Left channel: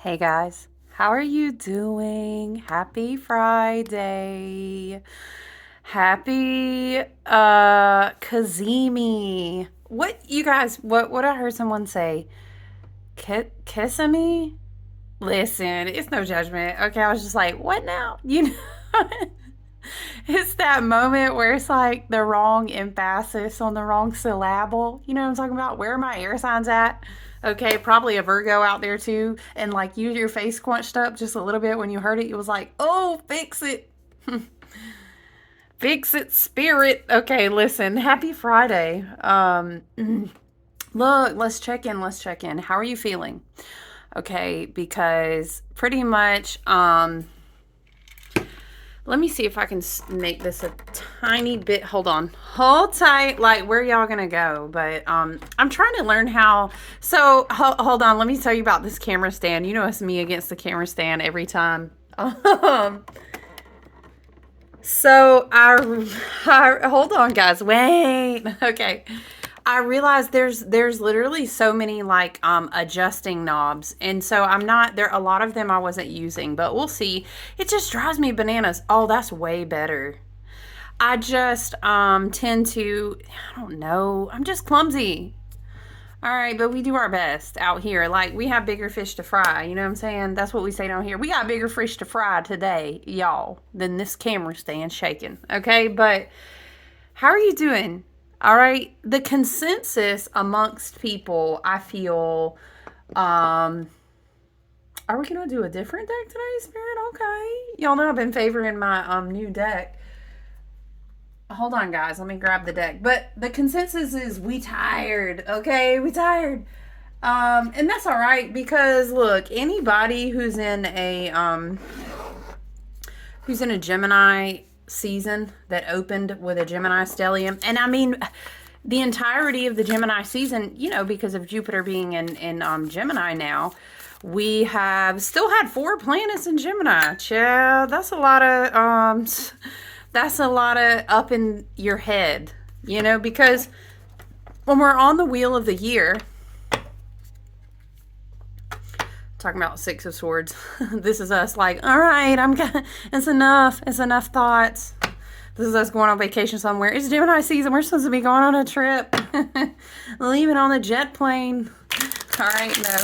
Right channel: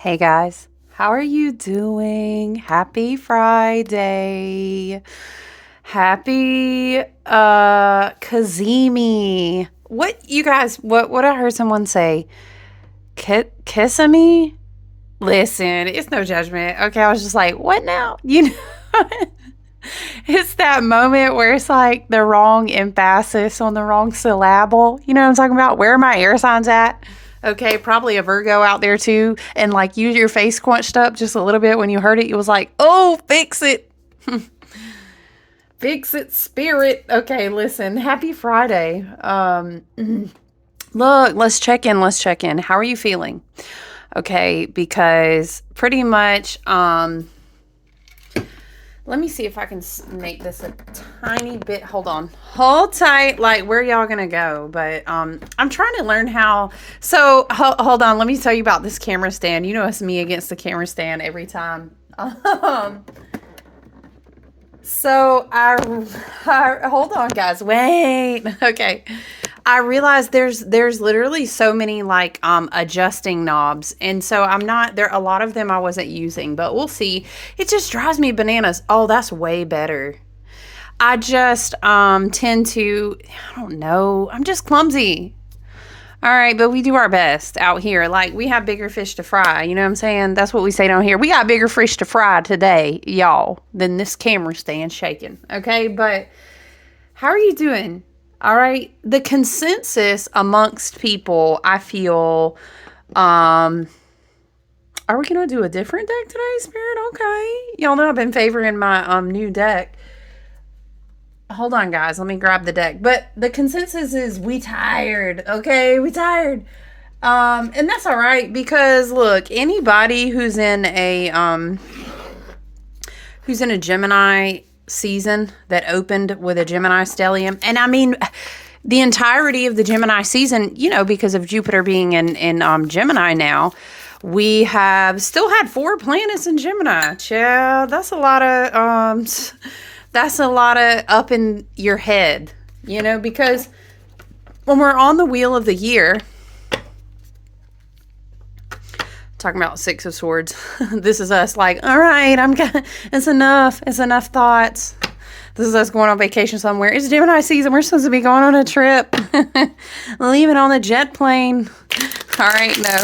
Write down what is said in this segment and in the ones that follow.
Hey guys, how are you doing? Happy Friday. Happy Cazimi. What you guys what I heard someone say? Kissami? Listen, it's no judgment. Okay, I was just like, what now? It's that moment where it's like the wrong emphasis on the wrong syllable. You know what I'm talking about? Where are my air signs at? Okay, probably a Virgo out there too. And like your face quenched up just a little bit when you heard it. It was like, oh, fix it. Fix it, spirit. Okay, listen, happy Friday. Look, let's check in. Let's check in. How are you feeling? Okay, because pretty much, let me see if I can make this a tiny bit. Hold on. Hold tight. Like, where y'all going to go? But I'm trying to learn how. So, hold on. Let me tell you about this camera stand. You know, it's me against the camera stand every time. So, hold on, guys. Wait. Okay. I realized there's literally so many like adjusting knobs, and so I'm not there. A lot of them I wasn't using, but we'll see. It just drives me bananas. Oh, that's way better. I just tend to, I don't know. I'm just clumsy. All right, but we do our best out here. Like, we have bigger fish to fry. You know what I'm saying? That's what we say down here. We got bigger fish to fry today, y'all, than this camera stand shaking. Okay, but how are you doing? All right. The consensus amongst people, I feel, are we gonna do a different deck today, Spirit? Okay. Y'all know I've been favoring my new deck. Hold on, guys. Let me grab the deck. But the consensus is we tired. Okay, we tired. And that's all right because look, anybody who's in a Gemini season that opened with a Gemini stellium, and I mean the entirety of the Gemini season, you know, because of Jupiter being in Gemini now, we have still had 4 planets in Gemini. Child, that's a lot of up in your head, you know, because when we're on the wheel of the year, talking about Six of Swords, this is us like, all right, it's enough thoughts. This is us going on vacation somewhere. It's Gemini season. We're supposed to be going on a trip. Leaving on the jet plane. All right, no.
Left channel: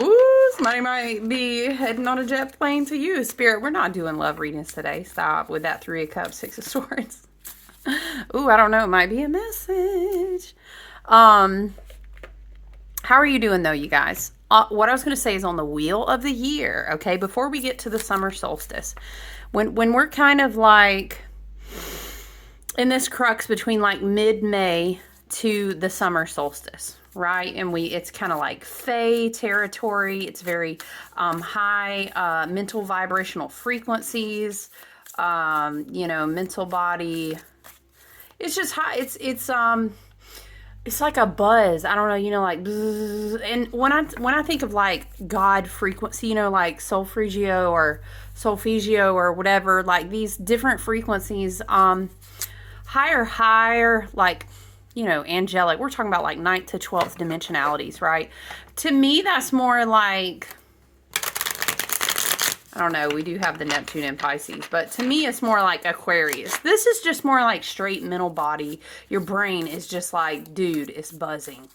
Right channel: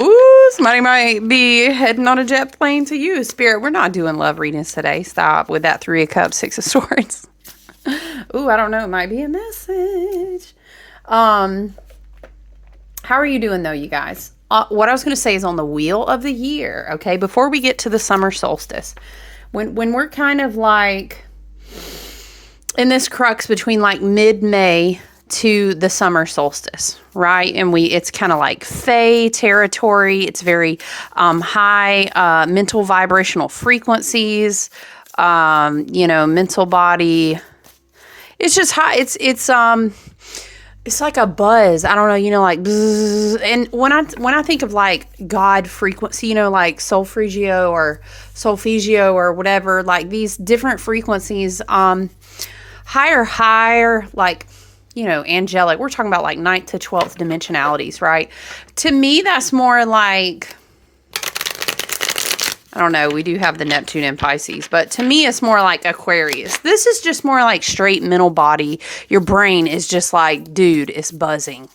Ooh, somebody might be heading on a jet plane to you, Spirit. We're not doing love readings today. Stop with that 3 of Cups, 6 of Swords. Ooh, I don't know. It might be a message. How are you doing, though, you guys? What I was going to say is on the wheel of the year, okay, before we get to the summer solstice, when we're kind of like in this crux between like mid-May to the summer solstice, right? And it's kind of like Fae territory. It's very high mental vibrational frequencies, mental body. It's just high. It's like a buzz. I don't know, like buzz. And when I think of like God frequency, like solfeggio or whatever, like these different frequencies, higher, like, angelic. We're talking about like 9th to 12th dimensionalities, right? To me, that's more like, I don't know, we do have the Neptune and Pisces, but to me, it's more like Aquarius. This is just more like straight mental body. Your brain is just like, dude, it's buzzing.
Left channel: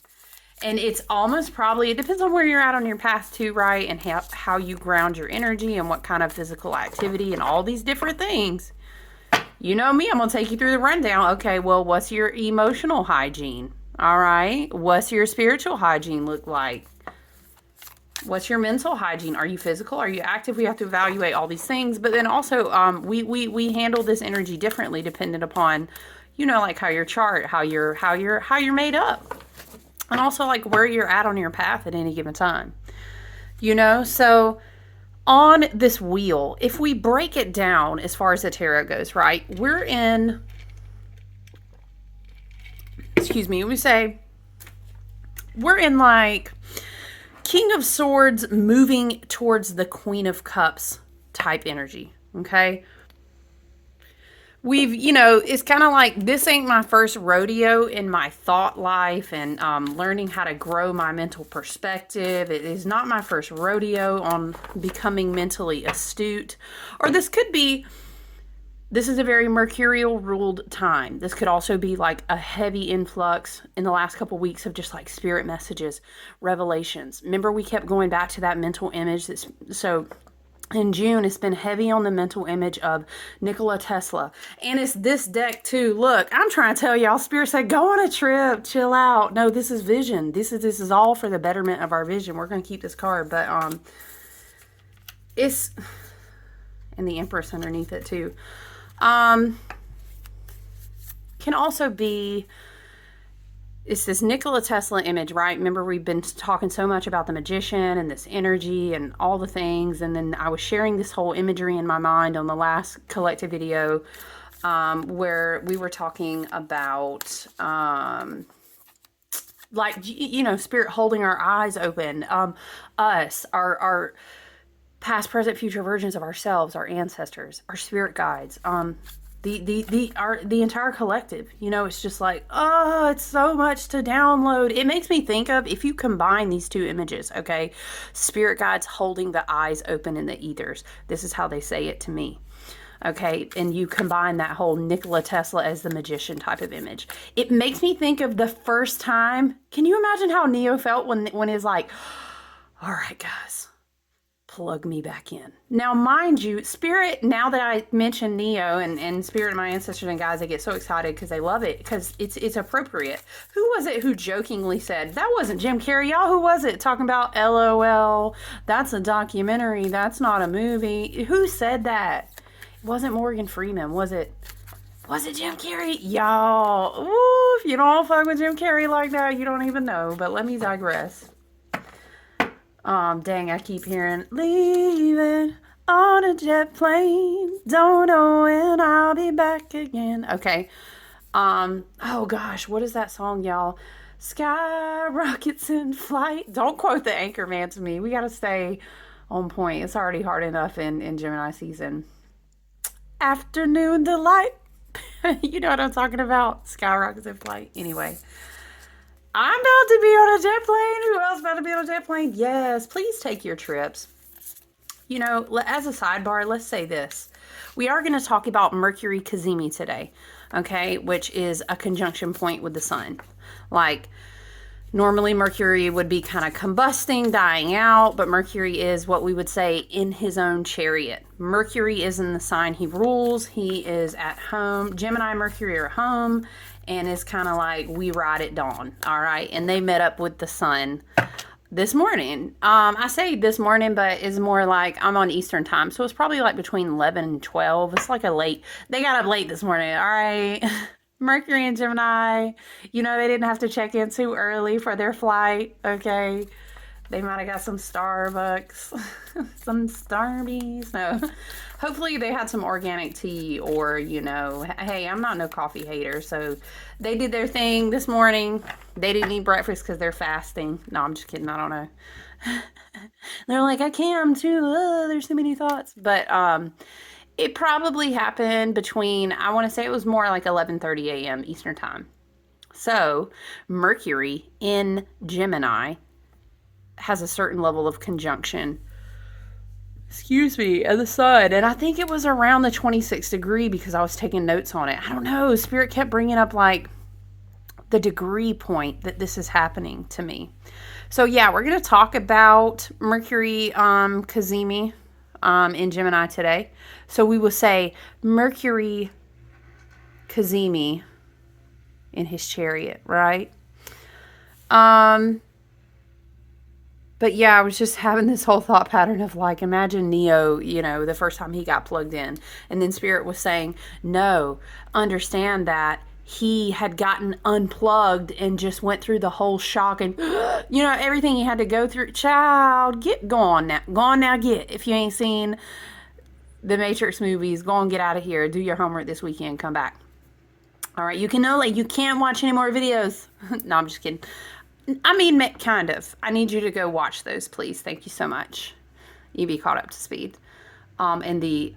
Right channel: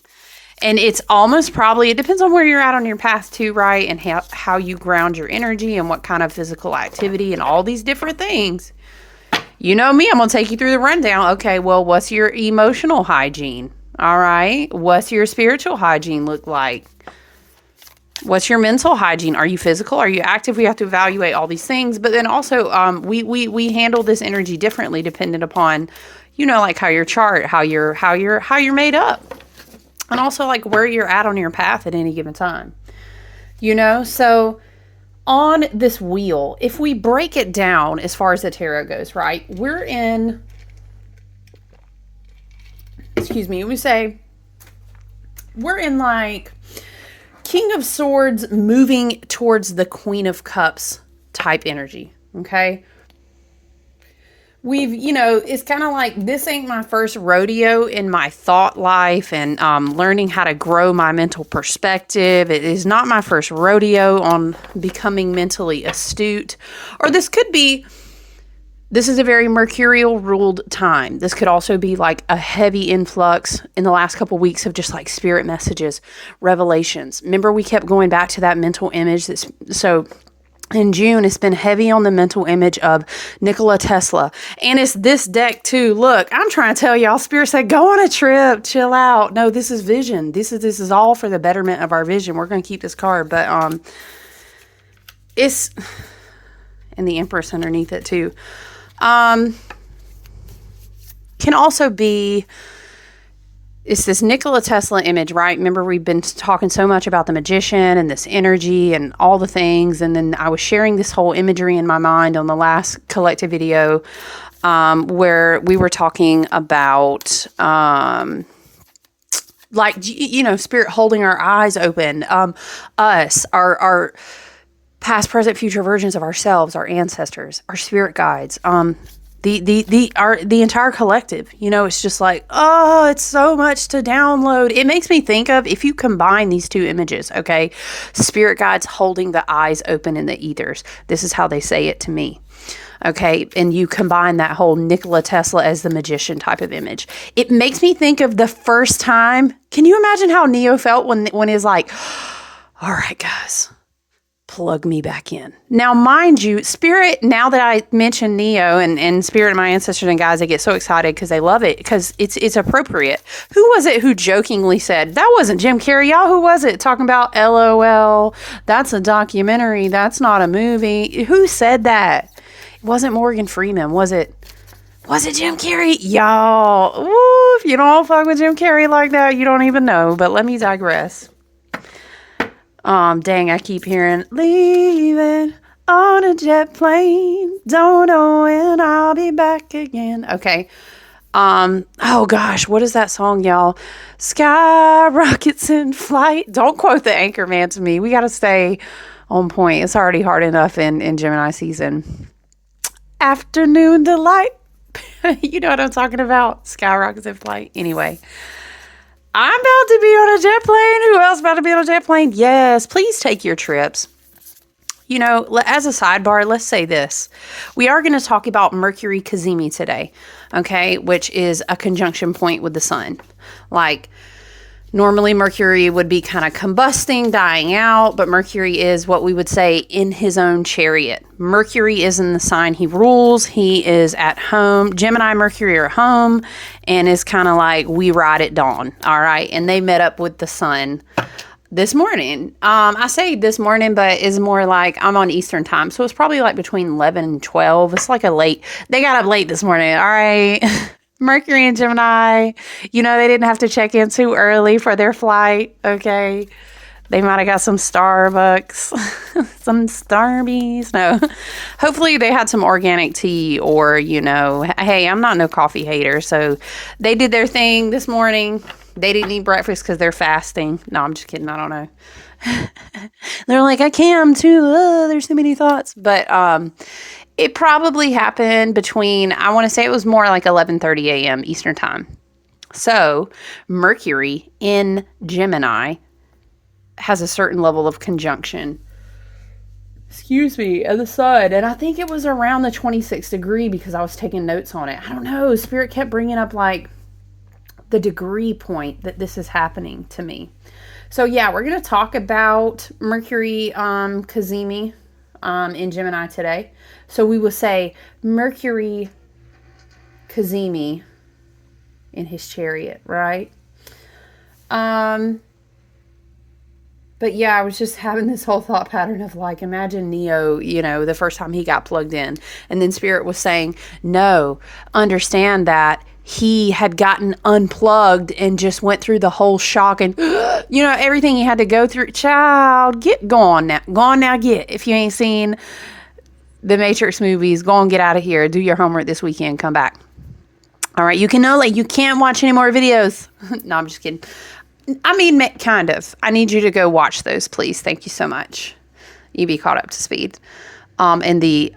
And it's almost probably, it depends on where you're at on your path too, right? And how you ground your energy and what kind of physical activity and all these different things. You know me, I'm going to take you through the rundown. Okay, well, what's your emotional hygiene? All right. What's your spiritual hygiene look like? What's your mental hygiene? Are you physical? Are you active? We have to evaluate all these things. But then also, we handle this energy differently dependent upon, like how your chart, how you're made up. And also like where you're at on your path at any given time. So on this wheel, if we break it down as far as the tarot goes, right? We're in, we're in like King of Swords moving towards the Queen of Cups type energy, okay? it's kind of like this ain't my first rodeo in my thought life and learning how to grow my mental perspective. It is not my first rodeo on becoming mentally astute. Or this is a very mercurial ruled time. This could also be like a heavy influx in the last couple weeks of just like spirit messages, revelations. Remember, we kept going back to that mental image. So in June, it's been heavy on the mental image of Nikola Tesla. And it's this deck too. Look, I'm trying to tell y'all, Spirit said, go on a trip, chill out. No, this is vision. This is all for the betterment of our vision. We're going to keep this card, but it's, and the Empress underneath it too. Can also be, it's this Nikola Tesla image, right? Remember, we've been talking so much about the magician and this energy and all the things. And then I was sharing this whole imagery in my mind on the last collective video, where we were talking about, spirit holding our eyes open, us, our past, present, future versions of ourselves, our ancestors, our spirit guides, the entire collective. It's just like, oh, it's so much to download. It makes me think of, if you combine these two images, okay, spirit guides holding the eyes open in the ethers. This is how they say it to me. Okay, and you combine that whole Nikola Tesla as the magician type of image. It makes me think of the first time. Can you imagine how Neo felt when he's like, all right, guys, plug me back in. Now, mind you, Spirit, now that I mention Neo and Spirit and my ancestors and guys, they get so excited because they love it, because it's appropriate. Who was it who jokingly said, that wasn't Jim Carrey, y'all? Who was it? Talking about LOL, that's a documentary, that's not a movie. Who said that? It wasn't Morgan Freeman, was it? Was it Jim Carrey? Y'all, ooh, if you don't fuck with Jim Carrey like that, you don't even know. But let me digress. Dang, I keep hearing, leaving on a jet plane, don't know when I'll be back again. Okay. Oh gosh, what is that song, y'all? Sky rockets in flight. Don't quote the Anchorman to me. We got to stay on point. It's already hard enough in Gemini season. Afternoon delight. You know what I'm talking about? Sky rockets in flight. Anyway. I'm about to be on a jet plane. Who else about to be on a jet plane? Yes, please take your trips. As a sidebar, let's say this. We are going to talk about Mercury Cazimi today, okay, which is a conjunction point with the sun. Like, normally Mercury would be kind of combusting, dying out, but Mercury is what we would say in his own chariot. Mercury is in the sign he rules. He is at home. Gemini and Mercury are home, and is kind of like, we ride at dawn, all right? And they met up with the sun this morning. I say this morning, but it's more like I'm on Eastern time, so it's probably like between 11 and 12. It's like they got up late this morning, all right? Mercury and Gemini, they didn't have to check in too early for their flight, okay? They might have got some Starbucks, some Starbies. No, hopefully they had some organic tea or, hey, I'm not no coffee hater. So they did their thing this morning. They didn't eat breakfast because they're fasting. No, I'm just kidding. I don't know. They're like, I can too. There's so many thoughts. But it probably happened between, I want to say it was more like 11:30 a.m. Eastern time. So Mercury in Gemini has a certain level of conjunction, of the sun. And I think it was around the 26th degree because I was taking notes on it. I don't know. Spirit kept bringing up like the degree point that this is happening to me. So yeah, we're going to talk about Mercury Cazimi in Gemini today. So we will say Mercury Cazimi in his chariot, right? But yeah, I was just having this whole thought pattern of like, imagine Neo, the first time he got plugged in. And then Spirit was saying, no, understand that he had gotten unplugged and just went through the whole shock and, everything he had to go through. Child, go on now, get. If you ain't seen the Matrix movies, go and get out of here. Do your homework this weekend. Come back. All right. You can't watch any more videos. No, I'm just kidding. I mean, kind of. I need you to go watch those, please. Thank you so much. You be caught up to speed. And the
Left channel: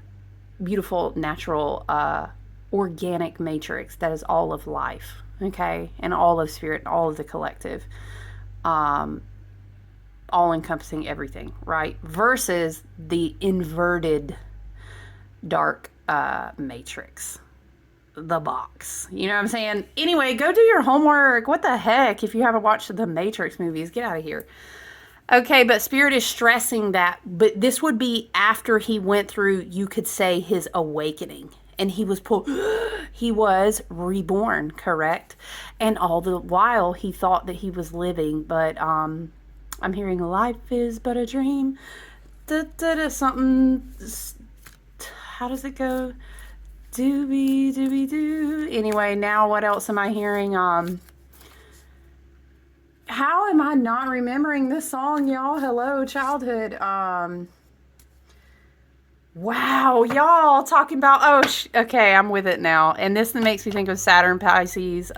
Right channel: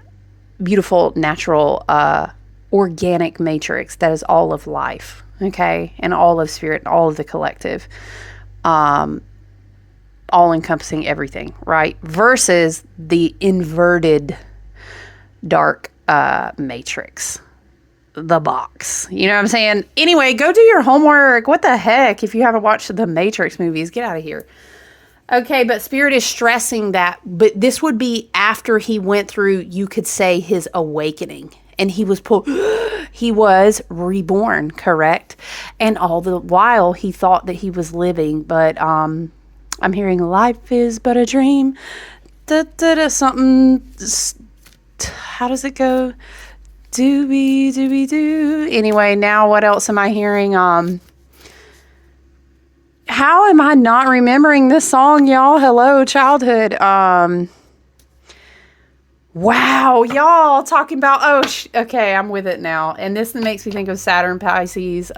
beautiful natural organic matrix that is all of life, okay, and all of spirit, all of the collective, all encompassing everything, right? Versus the inverted dark matrix, the box. You know what I'm saying? Anyway, go do your homework. What the heck? If you haven't watched the Matrix movies, get out of here. Okay, but Spirit is stressing that, but this would be after he went through, you could say, his awakening. And he was he was reborn, correct? And all the while he thought that he was living, but I'm hearing life is but a dream. Something, how does it go? Doobie doobie doo. Anyway, now what else am I hearing? How am I not remembering this song, y'all? Hello, childhood. Wow, y'all talking about, okay, I'm with it now. And this makes me think of Saturn Pisces,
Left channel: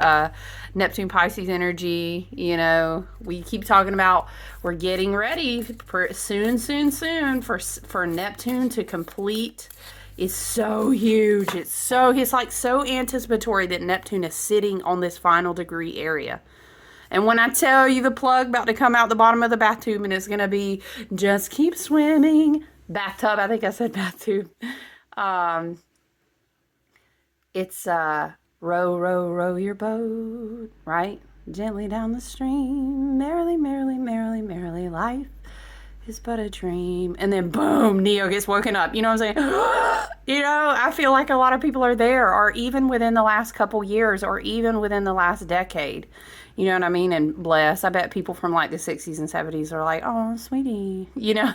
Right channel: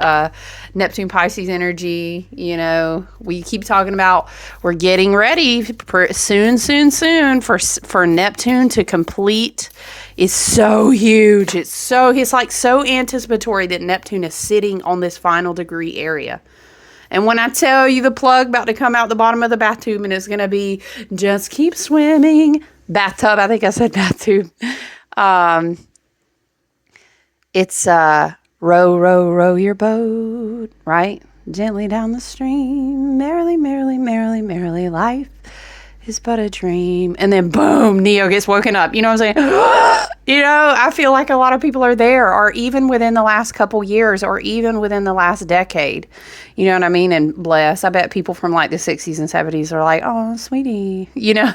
Neptune Pisces energy. You know, we keep talking about we're getting ready soon for Neptune to complete. Is so huge. It's like so anticipatory that Neptune is sitting on this final degree area. And when I tell you the plug about to come out the bottom of the bathtub and it's going to be just keep swimming. Bathtub, I think I said bathtub. It's row, row, row your boat, right? Gently down the stream. Merrily, merrily, merrily, merrily, life is but a dream. And then boom, Neo gets woken up. You know what I'm saying? You know, I feel like a lot of people are there, or even within the last couple years, or even within the last decade. You know what I mean? And bless, I bet people from like the 60s and 70s are like, oh, sweetie, you know?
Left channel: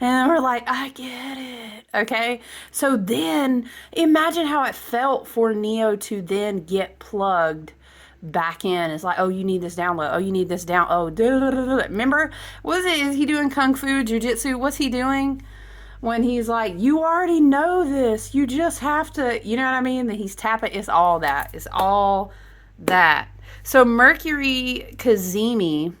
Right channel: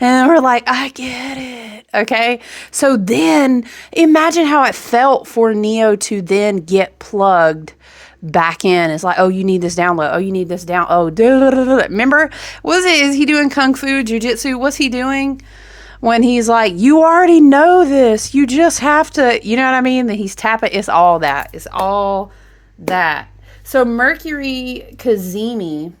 And we're like, I get it. Okay. So then imagine how it felt for Neo to then get plugged back in. It's like, oh, you need this download. Oh, you need this down. Oh, remember, is he doing kung fu, jujitsu? What's he doing? When he's like, you already know this. You just have to, you know what I mean? That he's tapping. It's all that. It's all that. So Mercury, Cazimi,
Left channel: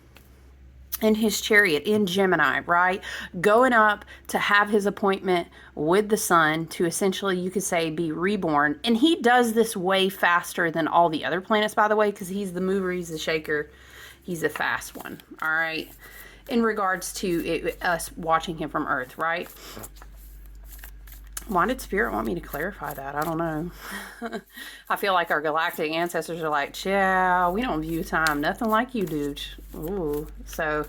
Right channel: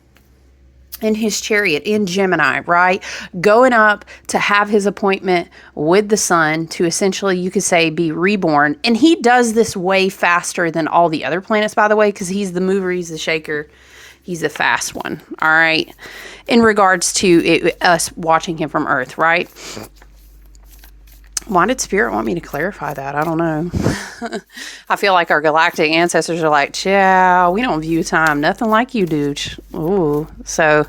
in his chariot in Gemini, right? Going up to have his appointment with the sun to essentially, you could say, be reborn. And he does this way faster than all the other planets, by the way, because he's the mover, he's the shaker. He's a fast one, all right? In regards to us watching him from Earth, right? Why did Spirit want me to clarify that? I don't know. I feel like our galactic ancestors are like, chow, we don't view time nothing like you do. Ooh. So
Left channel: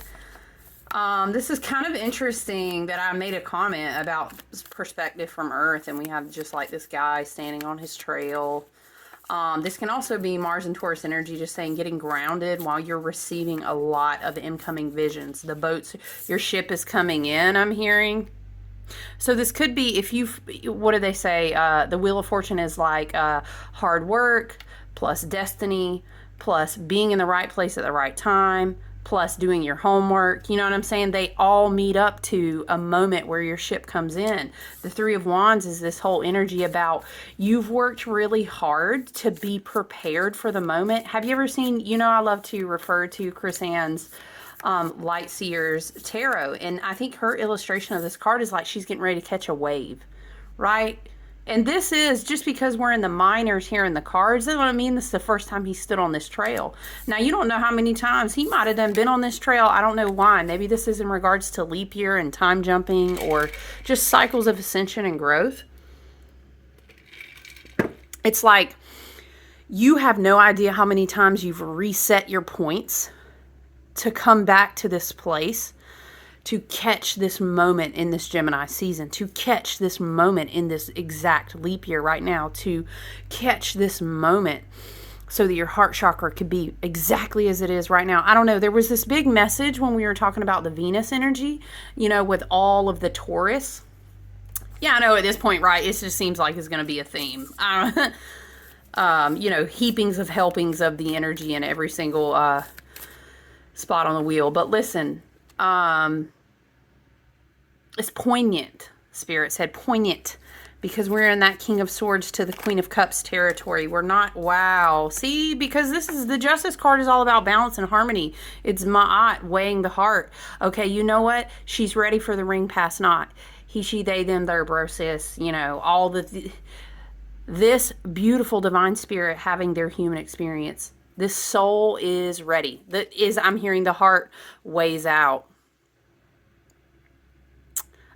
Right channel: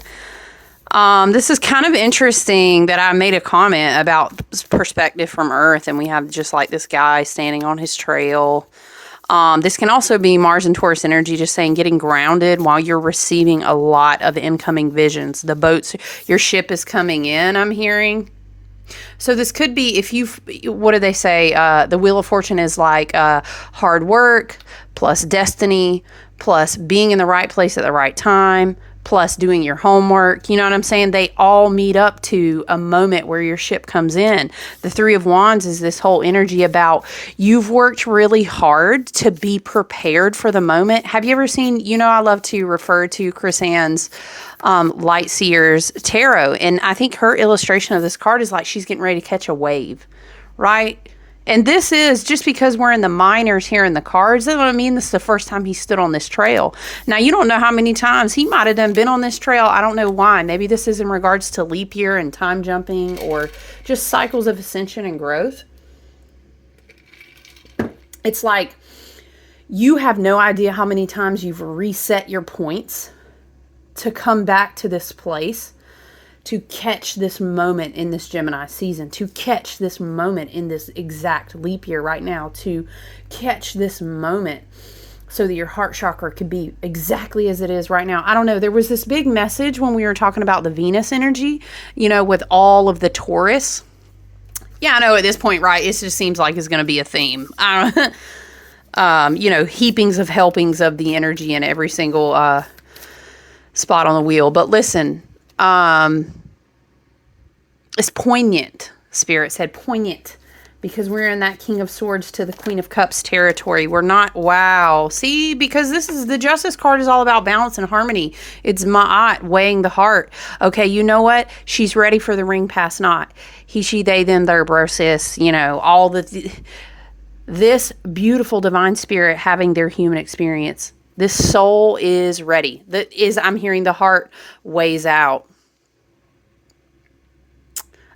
this is kind of interesting that I made a comment about perspective from Earth, and we have just like this guy standing on his trail. This can also be Mars and Taurus energy, just saying getting grounded while you're receiving a lot of incoming visions. The boats, your ship is coming in, I'm hearing. So this could be, if you've, what do they say? The Wheel of Fortune is like hard work plus destiny plus being in the right place at the right time plus doing your homework. You know what I'm saying? They all meet up to a moment where your ship comes in. The Three of Wands is this whole energy about you've worked really hard to be prepared for the moment. Have you ever seen, you know, I love to refer to Chris Ann's Light Seers Tarot, and I think her illustration of this card is like she's getting ready to catch a wave, right? And this is just because we're in the minors here in the cards. That's what I mean. This is the first time he stood on this trail. Now, you don't know how many times he might have been on this trail. I don't know why. Maybe this is in regards to leap year and time jumping or just cycles of ascension and growth. It's like you have no idea how many times you've reset your points to come back to this place, to catch this moment in this Gemini season, to catch this moment in this exact leap year right now, to catch this moment so that your heart chakra could be exactly as it is right now. I don't know. There was this big message when we were talking about the Venus energy, you know, with all of the Taurus. Yeah, I know at this point, right, it just seems like it's going to be a theme. I don't you know, heapings of helpings of the energy in every single spot on the wheel. But listen, it's poignant. Spirit said poignant, because we're in that King of Swords to the Queen of Cups territory. We're not, wow. See, because this is, the Justice card is all about balance and harmony. It's Ma'at, weighing the heart. Okay, you know what? She's ready for the ring past not. He, she, they, them, their, bro, sis, you know, all the this beautiful divine spirit having their human experience. This soul is ready. I'm hearing the heart weighs out.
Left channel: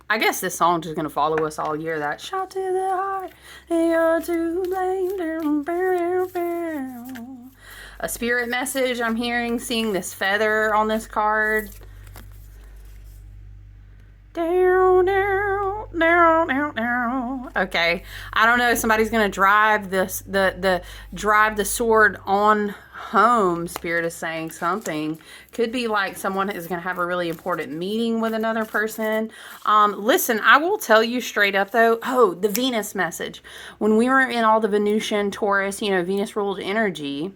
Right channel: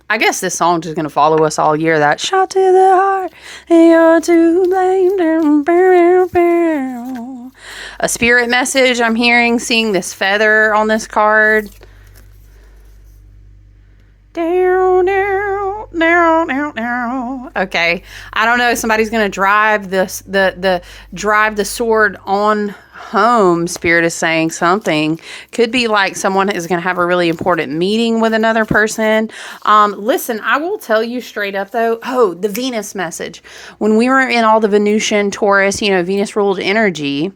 I guess this song is going to follow us all year. That shot to the heart, and you're to blame. A spirit message I'm hearing, seeing this feather on this card. Down, down, down, down, down. Okay, I don't know. Somebody's gonna drive drive the sword on home. Spirit is saying something. Could be like someone is gonna have a really important meeting with another person. Listen, I will tell you straight up though. Oh, the Venus message. When we were in all the Venusian, Taurus, Venus ruled energy.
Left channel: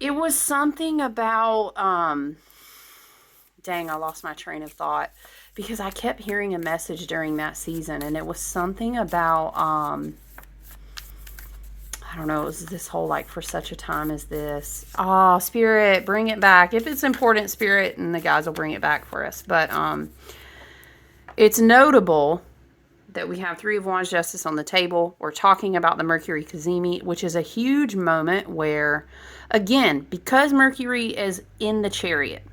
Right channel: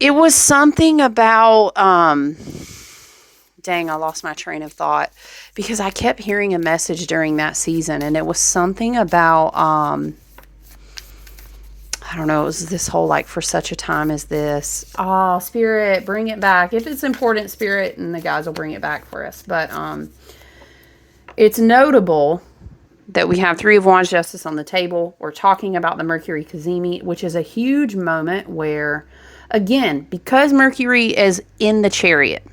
It was something about. Dang, I lost my train of thought because I kept hearing a message during that season, and it was something about, I don't know, it was this whole, like, for such a time as this. Spirit, bring it back. If it's important, Spirit, and the guys will bring it back for us. But it's notable that we have Three of Wands Justice on the table. We're talking about the Mercury Cazimi, which is a huge moment where, again, because Mercury is in the Chariot,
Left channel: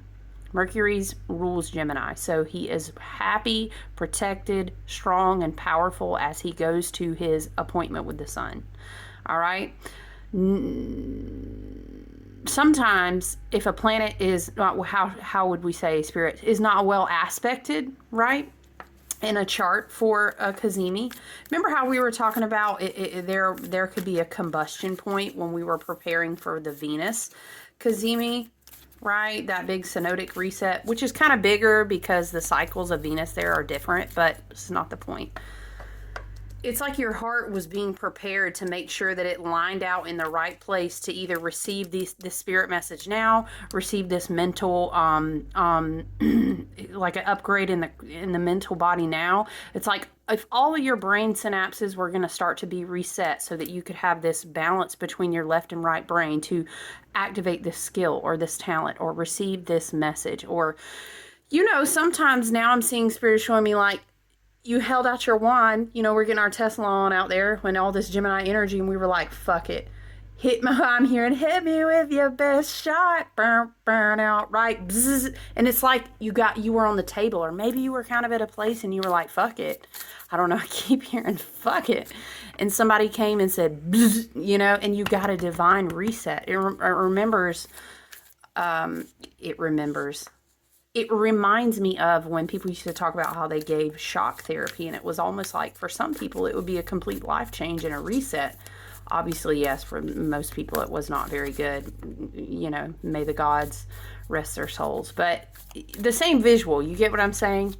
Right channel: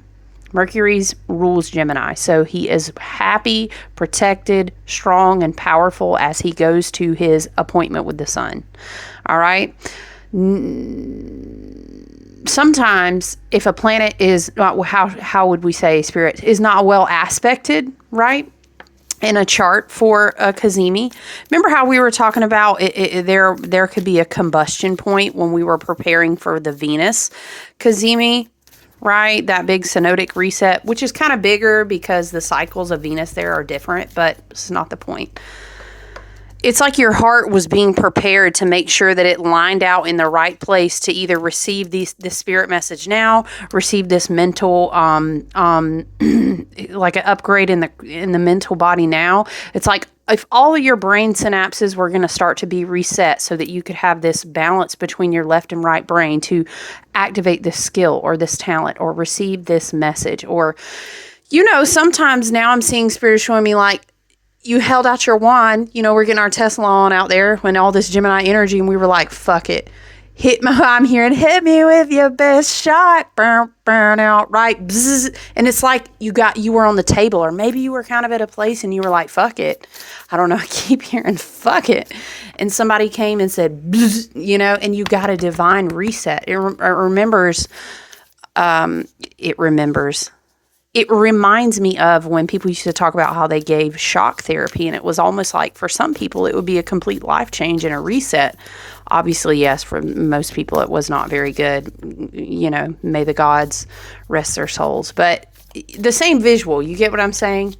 Mercury's rules Gemini, so he is happy, protected, strong, and powerful as he goes to his appointment with the sun. All right? Sometimes if a planet is not, how would we say, Spirit, is not well aspected, right, in a chart for a Cazimi. Remember how we were talking about there could be a combustion point when we were preparing for the Venus Cazimi, right? That big synodic reset, which is kind of bigger because the cycles of Venus there are different, but it's not the point. It's like your heart was being prepared to make sure that it lined out in the right place to either receive this spirit message now, receive this mental, like an upgrade in the mental body now. It's like if all of your brain synapses were going to start to be reset so that you could have this balance between your left and right brain to activate this skill or this talent or receive this message. Or, sometimes now I'm seeing Spirit showing me like, you held out your wand, we're getting our Tesla on out there when all this Gemini energy, and we were like, fuck it. I'm hearing, hit me with your best shot. Burn out, right? Bzz. And it's like you were on the table, or maybe you were kind of at a place and you were like, fuck it. I don't know. I keep hearing, fuck it. And somebody came and said, bzz, and you got a divine reset. It remembers. It reminds me of when people used to talk about how they gave shock therapy, and it was almost like for some people it would be a complete life change and a reset. Obviously, yes, for most people it was not very good. May the gods rest their souls. But the same visual, you get what I'm saying?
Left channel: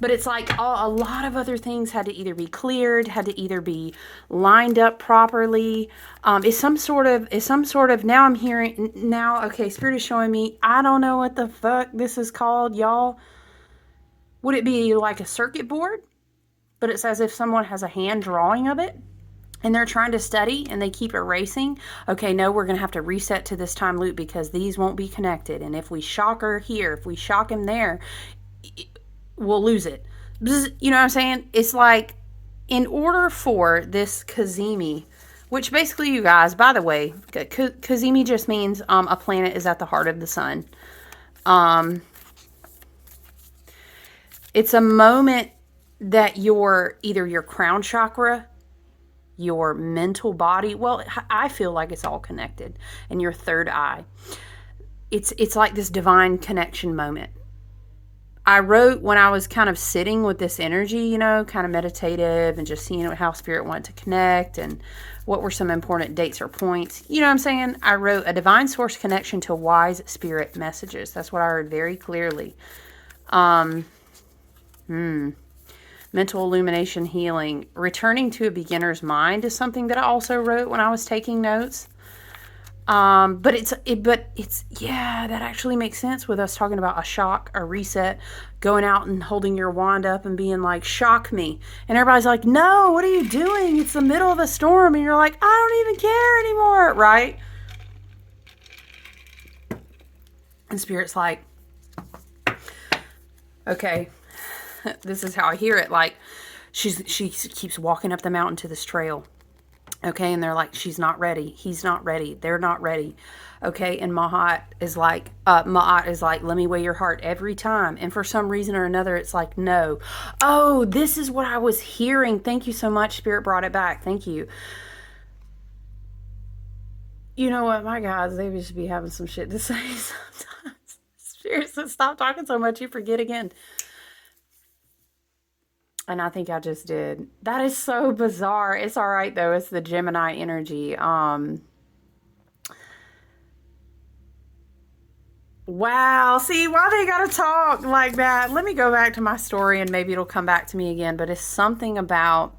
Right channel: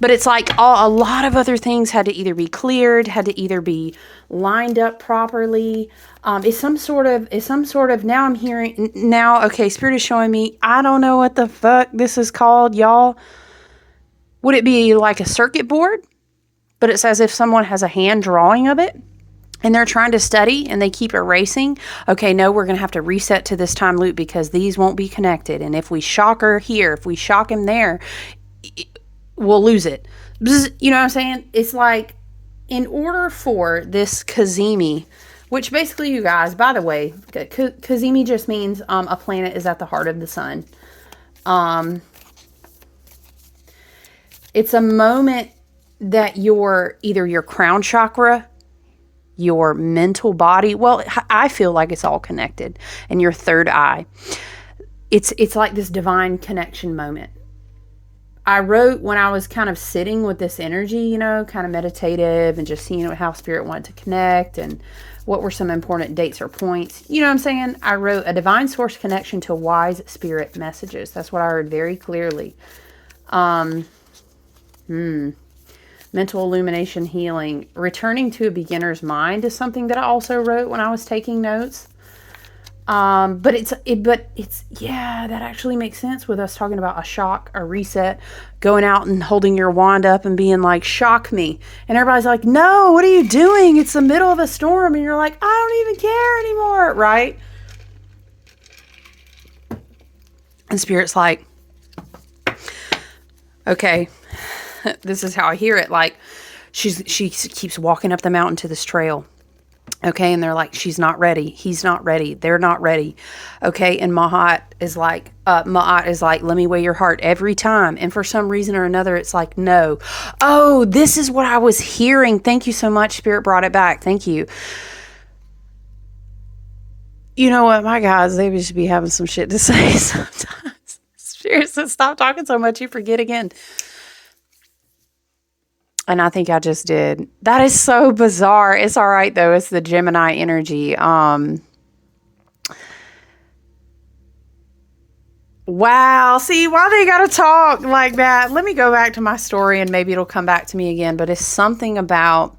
But it's like a lot of other things had to either be cleared, had to either be lined up properly. It's some sort of, now I'm hearing, okay, Spirit is showing me, I don't know what the fuck this is called, y'all. Would it be like a circuit board? But it's as if someone has a hand drawing of it and they're trying to study and they keep erasing. Okay, no, we're going to have to reset to this time loop because these won't be connected. And if we shock her here, if we shock him there, we'll lose it. You know what I'm saying? It's like, in order for this Cazimi, which basically, you guys, by the way, Cazimi just means a planet is at the heart of the sun. It's a moment that either your crown chakra, your mental body, well, I feel like it's all connected, and your third eye. It's like this divine connection moment. I wrote when I was kind of sitting with this energy, kind of meditative and just seeing how Spirit wanted to connect and what were some important dates or points. You know what I'm saying? I wrote a divine source connection to wise spirit messages. That's what I heard very clearly. Mental illumination healing. Returning to a beginner's mind is something that I also wrote when I was taking notes. But it's that actually makes sense with us talking about a shock, a reset, going out and holding your wand up and being like, shock me. And everybody's like, no, what are you doing? It's the middle of a storm. And you're like, I don't even care anymore. Right? And Spirit's like, okay, this is how I hear it. Like, She keeps walking up the mountain to this trail. Okay, and they're like, she's not ready. He's not ready. They're not ready. Okay, and Ma'at is like, let me weigh your heart every time. And for some reason or another, it's like, no. Oh, this is what I was hearing. Thank you so much. Spirit brought it back. Thank you. You know what, my guys, they should be having some shit to say sometimes. Spirit says, stop talking so much, you forget again. And I think I just did. That is so bizarre. It's all right, though. It's the Gemini energy. Wow. See, why they got to talk like that? Let me go back to my story and maybe it'll come back to me again. But it's something about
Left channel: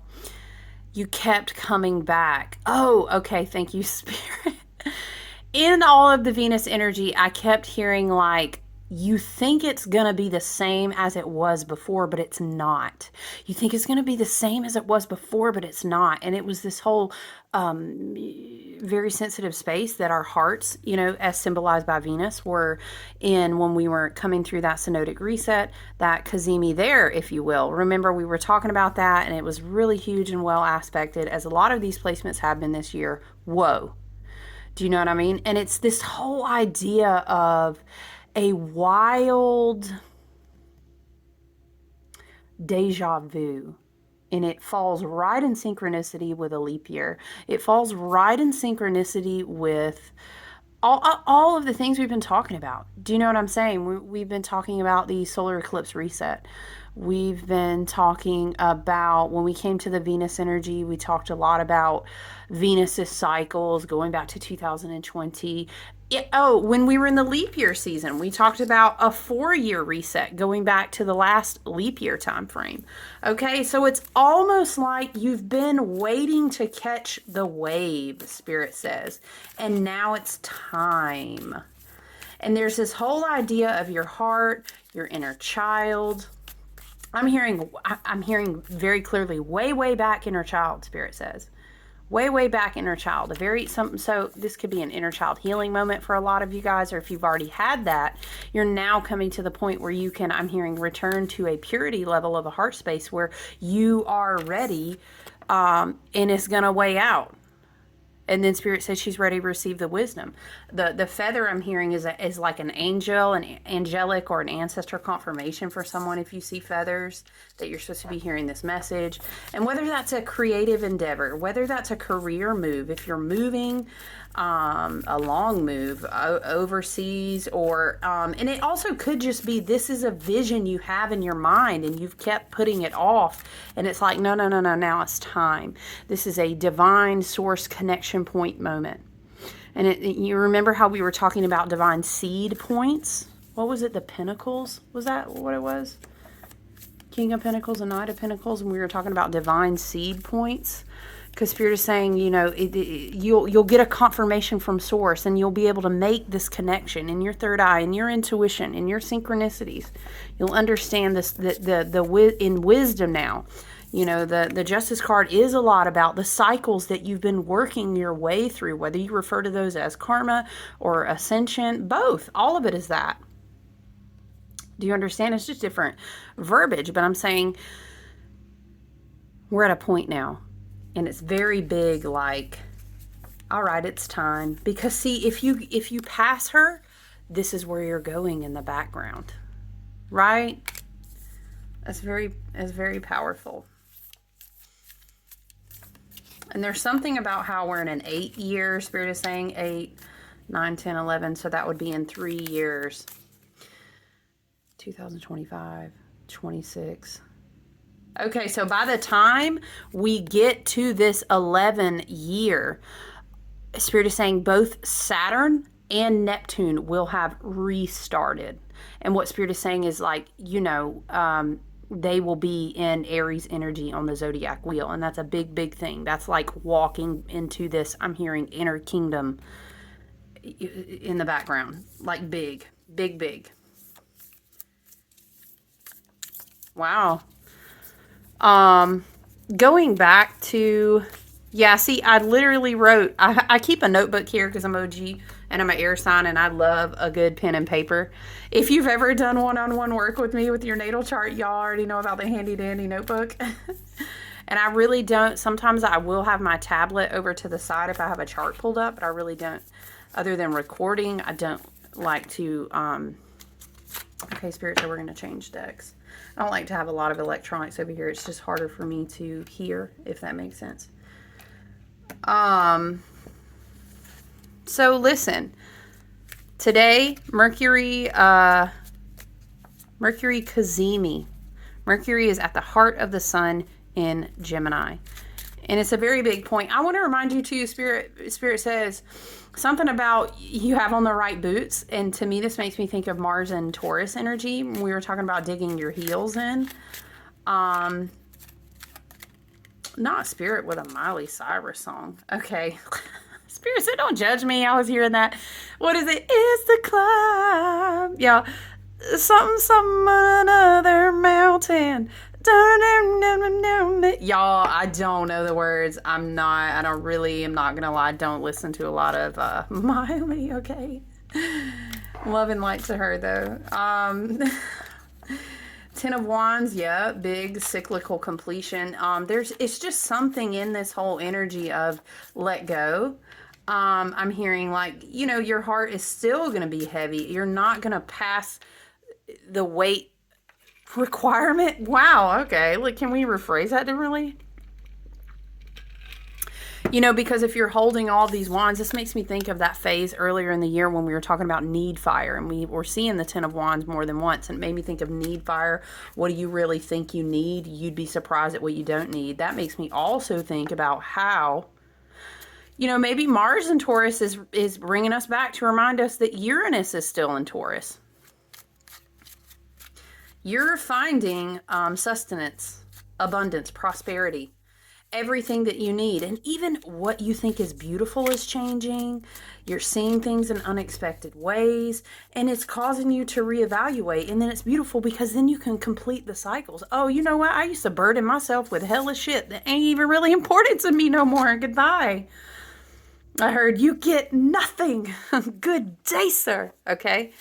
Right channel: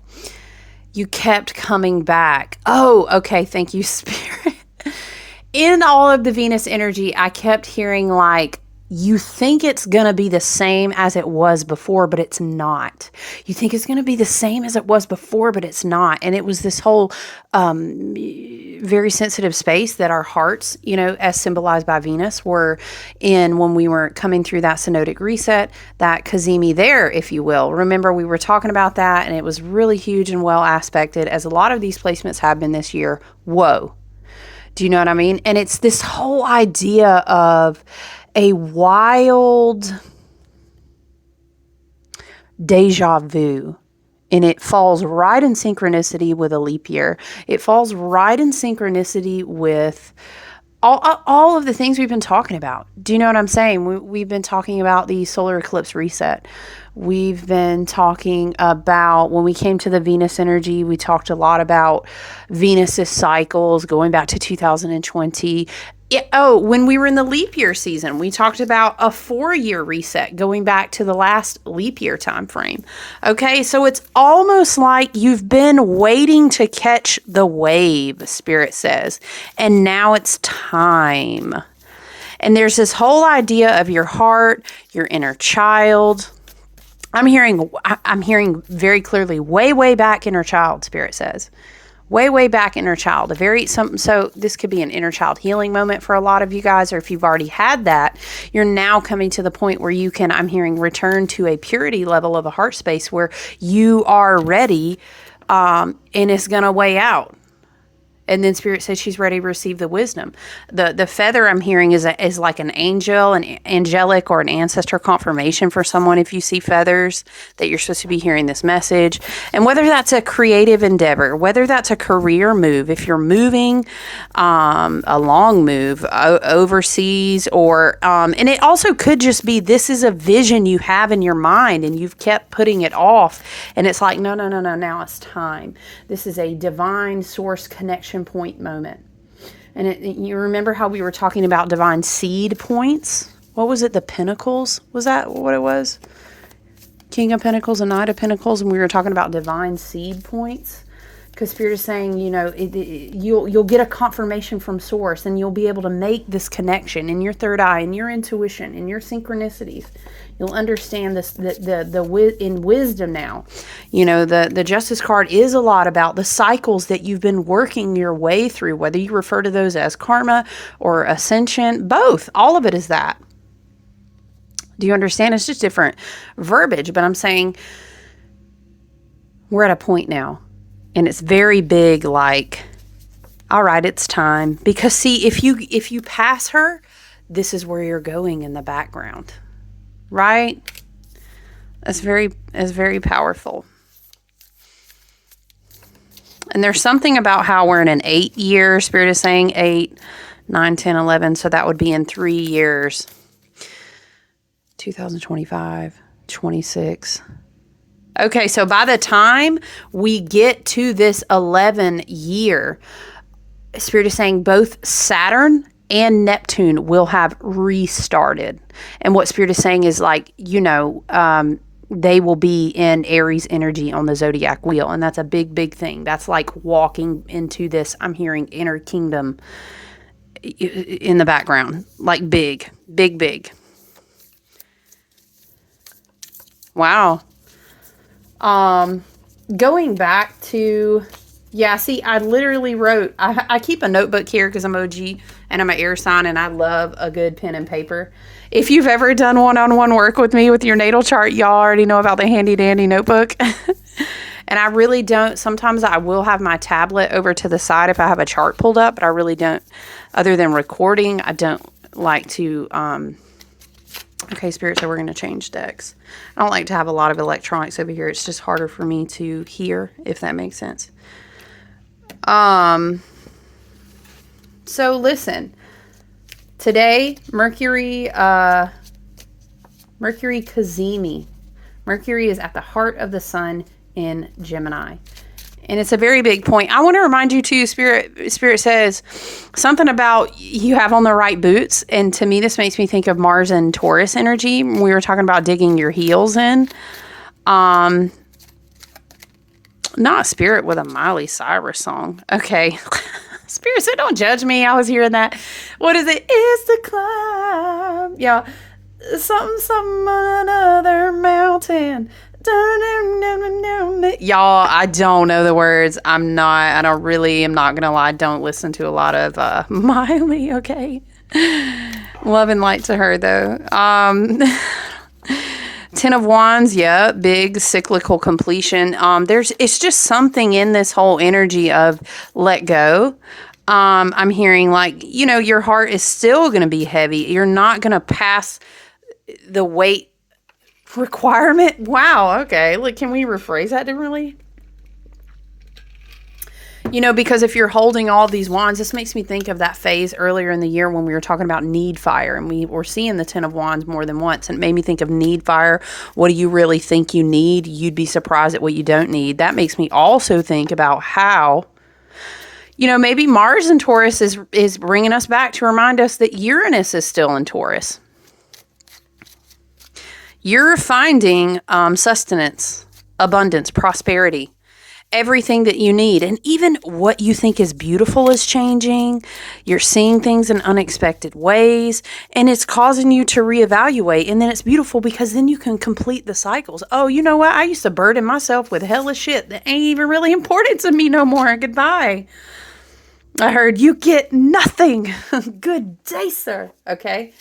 you kept coming back. Oh, okay. Thank you, Spirit. In all of the Venus energy, I kept hearing like, you think it's going to be the same as it was before, but it's not. You think it's going to be the same as it was before, but it's not. And it was this whole very sensitive space that our hearts, you know, as symbolized by Venus, were in when we were coming through that synodic reset, that Cazimi there, if you will. Remember, we were talking about that, and it was really huge and well aspected, as a lot of these placements have been this year. Whoa. Do you know what I mean? And it's this whole idea of a wild deja vu. And it falls right in synchronicity with a leap year. It falls right in synchronicity with all of the things we've been talking about. Do you know what I'm saying? We've been talking about the solar eclipse reset. We've been talking about, when we came to the Venus energy, we talked a lot about Venus's cycles going back to 2020. When we were in the leap year season, we talked about a 4-year reset going back to the last leap year time frame. Okay, so it's almost like you've been waiting to catch the wave, Spirit says, and now it's time. And there's this whole idea of your heart, your inner child. I'm hearing very clearly, way back inner child, Spirit says. Way back inner child. So this could be an inner child healing moment for a lot of you guys, or if you've already had that, you're now coming to the point where you can, I'm hearing, return to a purity level of a heart space where you are ready, and it's going to weigh out. And then Spirit says she's ready to receive the wisdom. The feather I'm hearing is like an angel, an angelic or an ancestor confirmation for someone. If you see feathers, that you're supposed to be hearing this message. And whether that's a creative endeavor, whether that's a career move, if you're moving, a long move overseas, or and it also could just be, this is a vision you have in your mind and you've kept putting it off. And it's like, no, now it's time. This is a divine source connection point moment. And you remember how we were talking about divine seed points? What was it? The Pentacles? Was that what it was? King of Pentacles and Knight of Pentacles. And we were talking about divine seed points. Because Spirit is saying, you know, you'll get a confirmation from Source, and you'll be able to make this connection in your third eye, in your intuition, in your synchronicities. You'll understand this in wisdom now. You know, the Justice card is a lot about the cycles that you've been working your way through, whether you refer to those as karma or ascension, both. All of it is that. Do you understand? It's just different verbiage, but I'm saying we're at a point now. And it's very big, like, all right, it's time. Because see, if you pass her, this is where you're going in the background. Right? That's very powerful. And there's something about how we're in an 8 year, Spirit is saying 8, 9, 10, 11. So that would be in 3 years. 2025, 26. Okay, so by the time we get to this 11 year, Spirit is saying both Saturn and Neptune will have restarted. And what Spirit is saying is, like, you know, they will be in Aries energy on the zodiac wheel. And that's a big thing. That's like walking into this, I'm hearing, inner kingdom in the background. Like big. Wow. Going back to, yeah, see, I literally wrote, I keep a notebook here because I'm OG and I'm an air sign and I love a good pen and paper. If you've ever done one-on-one work with me with your natal chart, y'all already know about the handy dandy notebook. And I really don't, sometimes I will have my tablet over to the side if I have a chart pulled up, but I really don't, other than recording, I don't like to, okay, Spirit said we're going to change decks. I don't like to have a lot of electronics over here. It's just harder for me to hear, if that makes sense. So listen, today, Mercury Cazimi. Mercury is at the heart of the sun in Gemini. And it's a very big point. I want to remind you too, Spirit says something about you have on the right boots. And to me, this makes me think of Mars and Taurus energy. We were talking about digging your heels in. Not Spirit with a Miley Cyrus song. Okay. Spirit said, don't judge me. I was hearing that. What is it? It's the climb. Yeah. Something on another mountain. Y'all, I don't know the words. I'm not gonna lie. Don't listen to a lot of Miley, okay? Love and light to her though. Ten of Wands, yeah, big cyclical completion. It's just something in this whole energy of let go. I'm hearing like, your heart is still gonna be heavy. You're not gonna pass the weight requirement. Wow. Okay. Look, can we rephrase that differently? Because if you're holding all these wands, this makes me think of that phase earlier in the year when we were talking about need fire, and we were seeing the 10 of wands more than once, and it made me think of need fire. What do you really think you need? You'd be surprised at what you don't need. That makes me also think about how, maybe Mars in Taurus is bringing us back to remind us that Uranus is still in Taurus. You're finding sustenance, abundance, prosperity, everything that you need. And even what you think is beautiful is changing. You're seeing things in unexpected ways, and it's causing you to reevaluate. And then it's beautiful because then you can complete the cycles. Oh, you know what? I used to burden myself with hella shit that ain't even really important to me no more. Goodbye. I heard you get nothing. Good day, sir. Okay.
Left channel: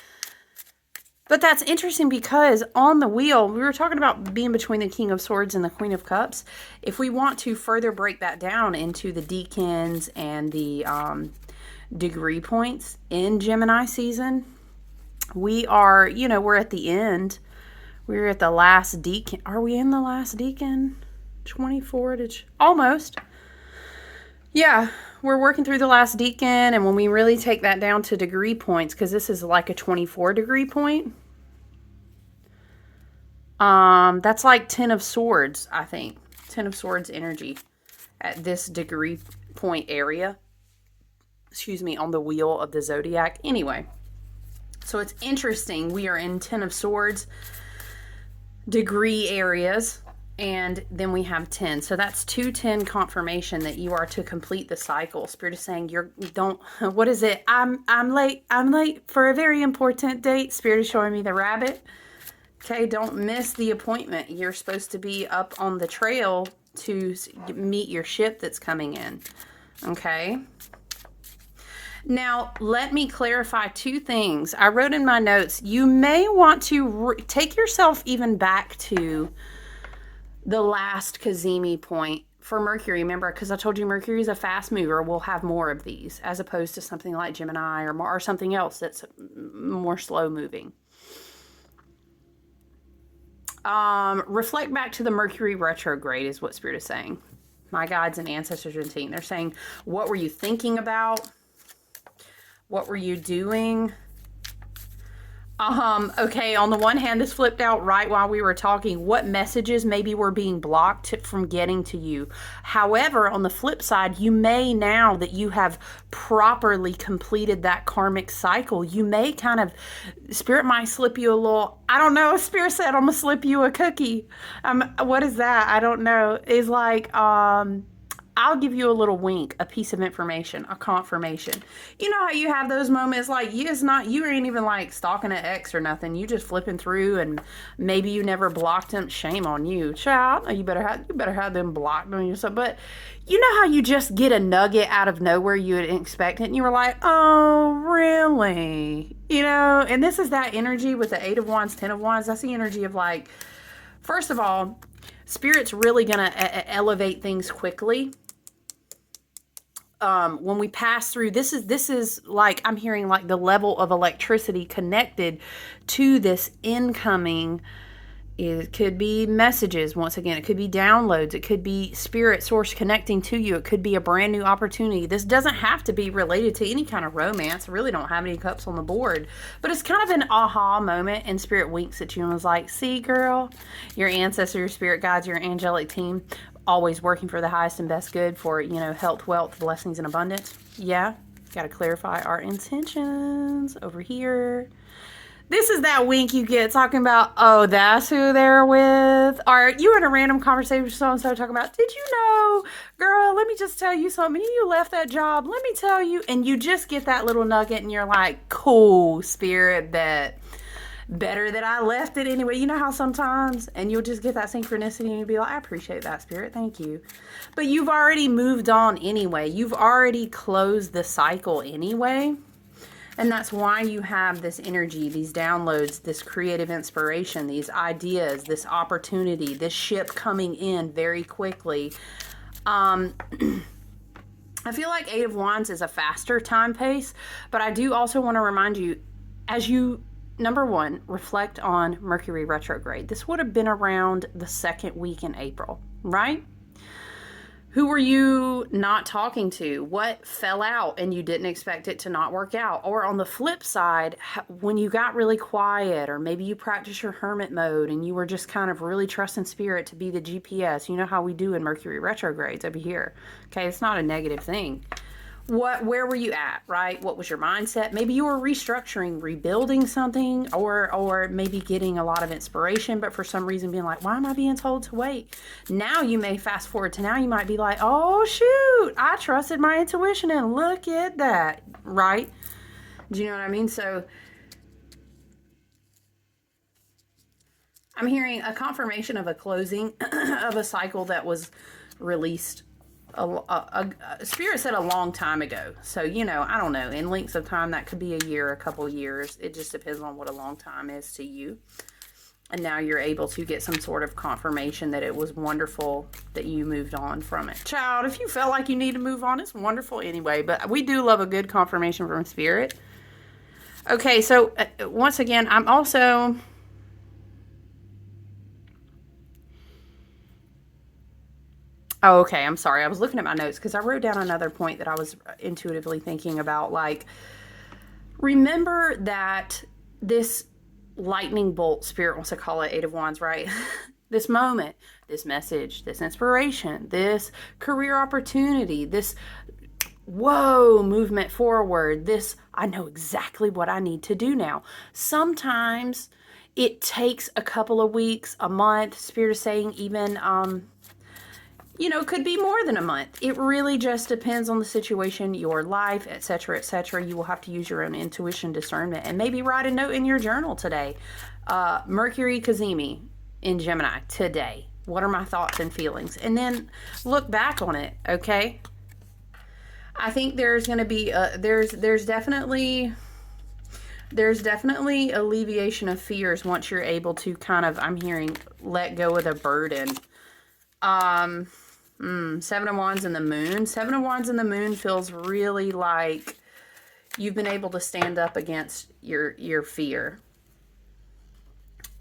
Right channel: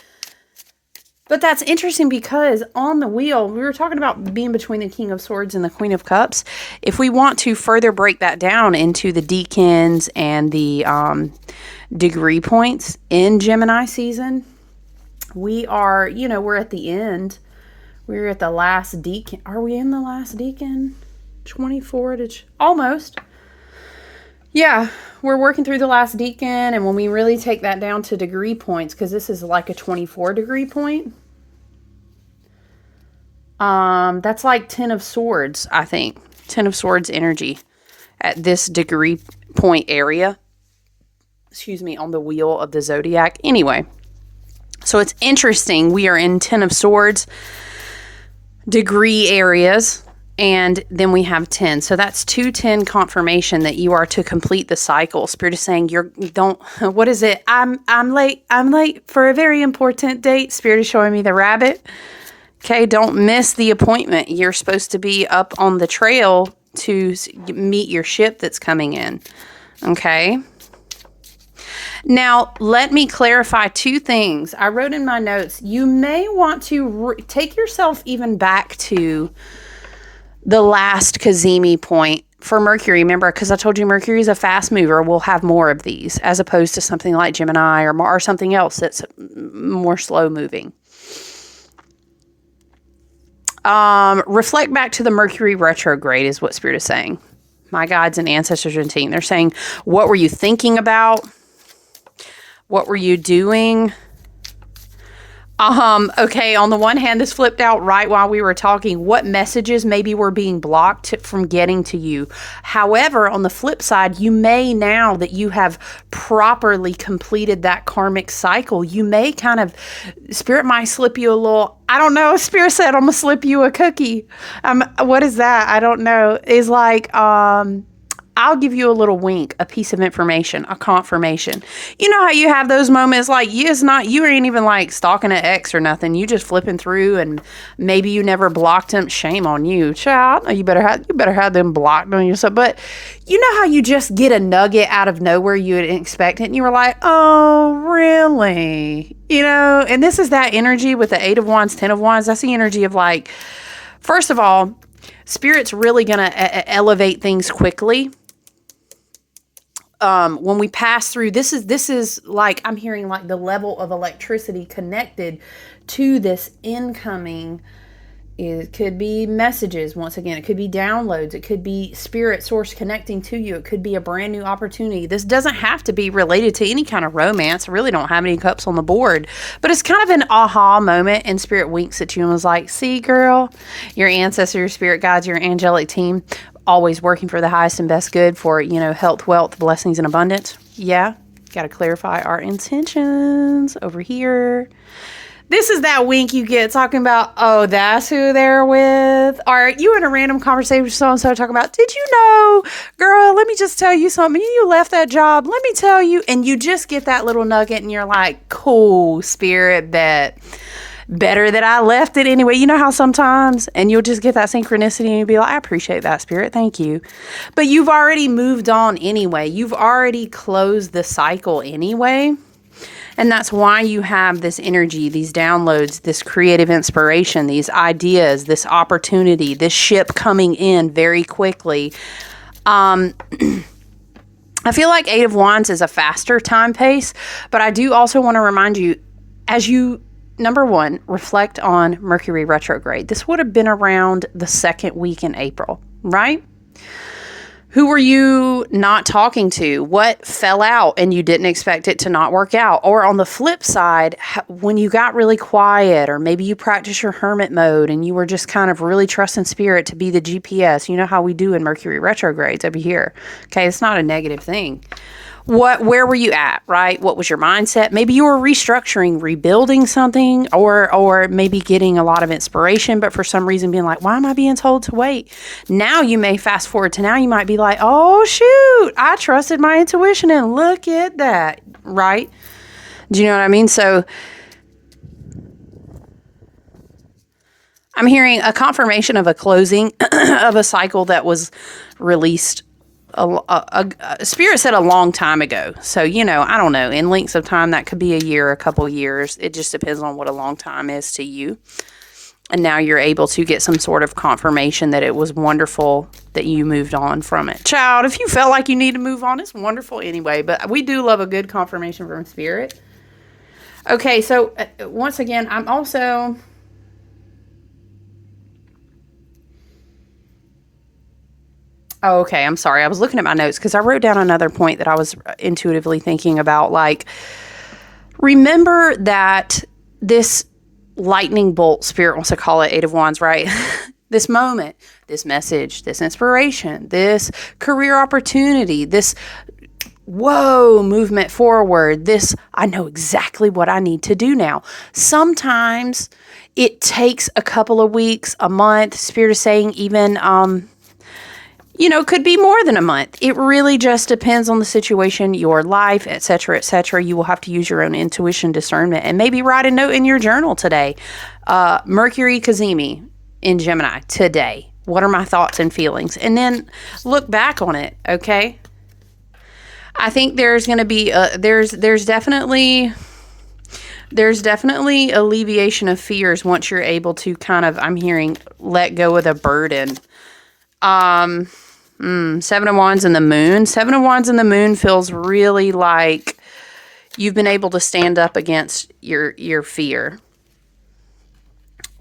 But that's interesting because on the wheel, we were talking about being between the King of Swords and the Queen of Cups. If we want to further break that down into the decans and the degree points in Gemini season, we are, we're at the end. We're at the last decan. Are we in the last decan? 24 to almost. Yeah, we're working through the last decan, and when we really take that down to degree points, because this is like a 24 degree point, that's like 10 of Swords, I think. 10 of Swords energy at this degree point area. Excuse me, on the wheel of the zodiac. Anyway, so it's interesting. We are in 10 of Swords degree areas. And then we have 10. So that's 210 confirmation that you are to complete the cycle. Spirit is saying what is it? I'm late for a very important date. Spirit is showing me the rabbit. Okay, don't miss the appointment. You're supposed to be up on the trail to meet your ship that's coming in. Okay. Now, let me clarify two things. I wrote in my notes, you may want to take yourself even back to the last Cazimi point for Mercury. Remember, because I told you Mercury is a fast mover. We'll have more of these as opposed to something like Gemini or something else that's more slow moving. Reflect back to the Mercury retrograde is what Spirit is saying. My guides and ancestors and team. They're saying, what were you thinking about? What were you doing? Okay, on the one hand, this flipped out right while we were talking. What messages maybe were being blocked from getting to you? However, on the flip side, you may, now that you have properly completed that karmic cycle, you may kind of, Spirit might slip you a little, I don't know, Spirit said, I'm going to slip you a cookie. What is that? I don't know. It's like, I'll give you a little wink, a piece of information, a confirmation. You know how you have those moments like you ain't even like stalking an ex or nothing. You just flipping through and maybe you never blocked them. Shame on you, child. You better have them blocked on yourself. But you know how you just get a nugget out of nowhere you didn't expect it and you were like, oh, really? And this is that energy with the 8 of Wands, 10 of Wands. That's the energy of like, first of all, Spirit's really going to elevate things quickly. When we pass through, this is like, I'm hearing like the level of electricity connected to this incoming. It could be messages. Once again, it could be downloads. It could be spirit source connecting to you. It could be a brand new opportunity. This doesn't have to be related to any kind of romance. I really don't have any cups on the board, but it's kind of an aha moment, and spirit winks at you and was like, see, girl, your ancestor, your spirit guides, your angelic team, always working for the highest and best good for, health, wealth, blessings, and abundance. Yeah. Got to clarify our intentions over here. This is that wink you get talking about, oh, that's who they're with. Or you in a random conversation with so-and-so talking about, did you know, girl, let me just tell you something. You left that job. Let me tell you. And you just get that little nugget and you're like, cool, spirit, better that I left it anyway. You know how sometimes, and you'll just get that synchronicity and you'll be like, I appreciate that, spirit. Thank you. But you've already moved on anyway. You've already closed the cycle anyway. And that's why you have this energy, these downloads, this creative inspiration, these ideas, this opportunity, this ship coming in very quickly. I feel like Eight of Wands is a faster time pace, but I do also want to remind you, as you, number one, reflect on Mercury retrograde. This would have been around the second week in April, right? Who were you not talking to? What fell out and you didn't expect it to not work out? Or on the flip side, when you got really quiet, or maybe you practice your hermit mode and you were just kind of really trusting spirit to be the GPS. You know how we do in Mercury retrogrades over here. Okay, it's not a negative thing. Where were you at, right? What was your mindset? Maybe you were restructuring, rebuilding something, or maybe getting a lot of inspiration, but for some reason being like, why am I being told to wait? Now you may fast forward to now, you might be like, oh shoot, I trusted my intuition and look at that, right? Do you know what I mean? So I'm hearing a confirmation of a closing of a cycle that was released. Spirit said a long time ago. So, I don't know. In lengths of time, that could be a year, a couple years. It just depends on what a long time is to you. And now you're able to get some sort of confirmation that it was wonderful that you moved on from it. Child, if you felt like you need to move on, it's wonderful anyway. But we do love a good confirmation from Spirit. Okay, so once again, I'm also... Oh, okay. I'm sorry. I was looking at my notes because I wrote down another point that I was intuitively thinking about. Like, remember that this lightning bolt, Spirit wants to call it Eight of Wands, right? This moment, this message, this inspiration, this career opportunity, this movement forward, this, I know exactly what I need to do now. Sometimes it takes a couple of weeks, a month. Spirit is saying even, could be more than a month. It really just depends on the situation, your life, et cetera, et cetera. You will have to use your own intuition, discernment, and maybe write a note in your journal today. Mercury Cazimi in Gemini today. What are my thoughts and feelings? And then look back on it, okay? I think there's going to be, there's definitely alleviation of fears once you're able to kind of, I'm hearing, let go of the burden. Seven of Wands and the Moon. Seven of Wands and the Moon feels really like you've been able to stand up against your fear.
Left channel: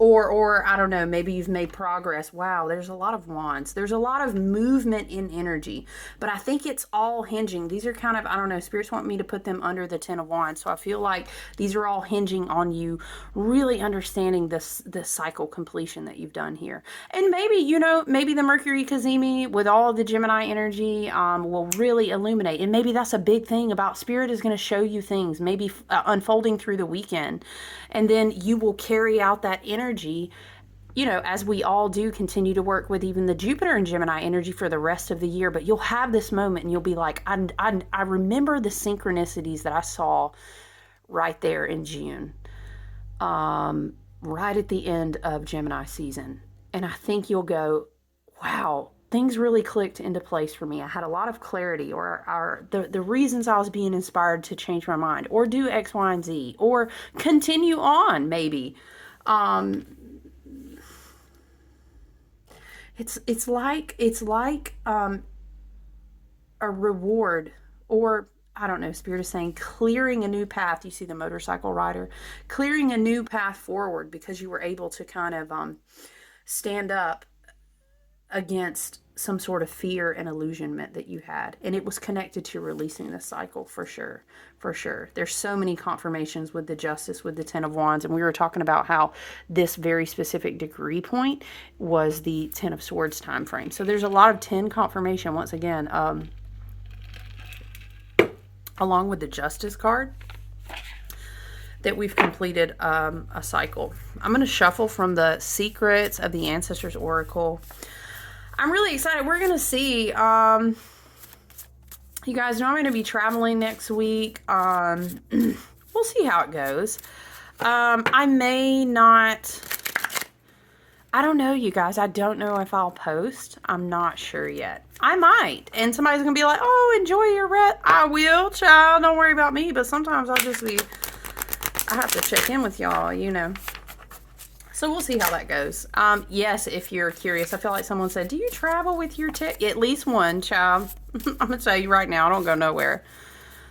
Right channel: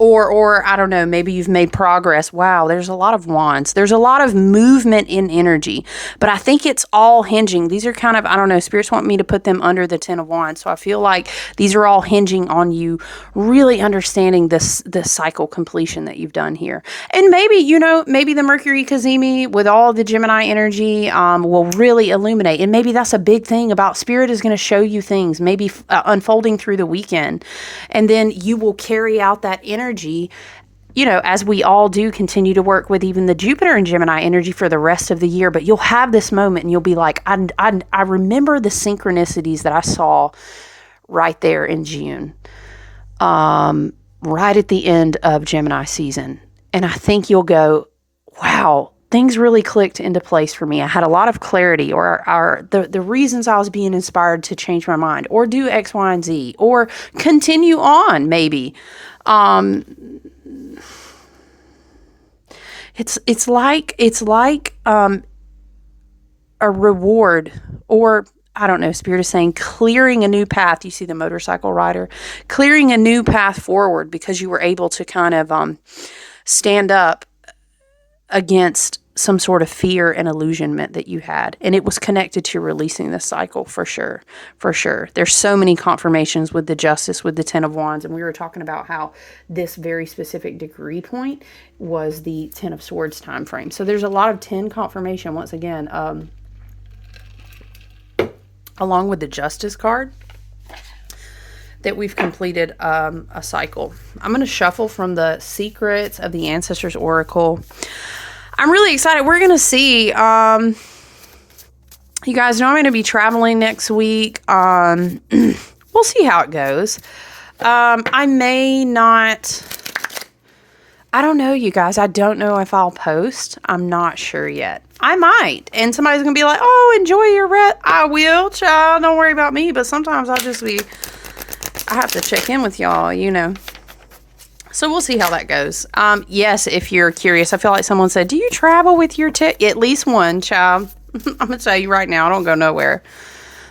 Or I don't know, maybe you've made progress. Wow, there's a lot of wands. There's a lot of movement in energy. But I think it's all hinging. These are kind of, I don't know, spirits want me to put them under the 10 of Wands. So I feel like these are all hinging on you really understanding this cycle completion that you've done here. And maybe, maybe the Mercury Cazimi with all the Gemini energy will really illuminate. And maybe that's a big thing about Spirit is going to show you things, maybe unfolding through the weekend. And then you will carry out that energy, as we all do, continue to work with even the Jupiter and Gemini energy for the rest of the year. But you'll have this moment and you'll be like, I remember the synchronicities that I saw right there in June, right at the end of Gemini season. And I think you'll go, wow, things really clicked into place for me. I had a lot of clarity, or the reasons I was being inspired to change my mind or do X, Y, and Z, or continue on maybe. It's like a reward, or I don't know, Spirit is saying clearing a new path. You see the motorcycle rider clearing a new path forward because you were able to kind of stand up against some sort of fear and illusionment that you had. And it was connected to releasing the cycle for sure. For sure. There's so many confirmations with the Justice, with the Ten of Wands. And we were talking about how this very specific degree point was the Ten of Swords time frame. So there's a lot of 10 confirmation once again, along with the Justice card, that we've completed a cycle. I'm going to shuffle from the Secrets of the Ancestors Oracle. I'm really excited. We're going to see, you guys know I'm going to be traveling next week. We'll see how it goes. I may not, I don't know, you guys. I don't know if I'll post. I'm not sure yet. I might. And somebody's going to be like, oh, enjoy your rest. I will, child. Don't worry about me. But sometimes I have to check in with y'all, you know. So we'll see how that goes. Yes, if you're curious, I feel like someone said, do you travel with your at least one, child? I'm going to tell you right now, I don't go nowhere.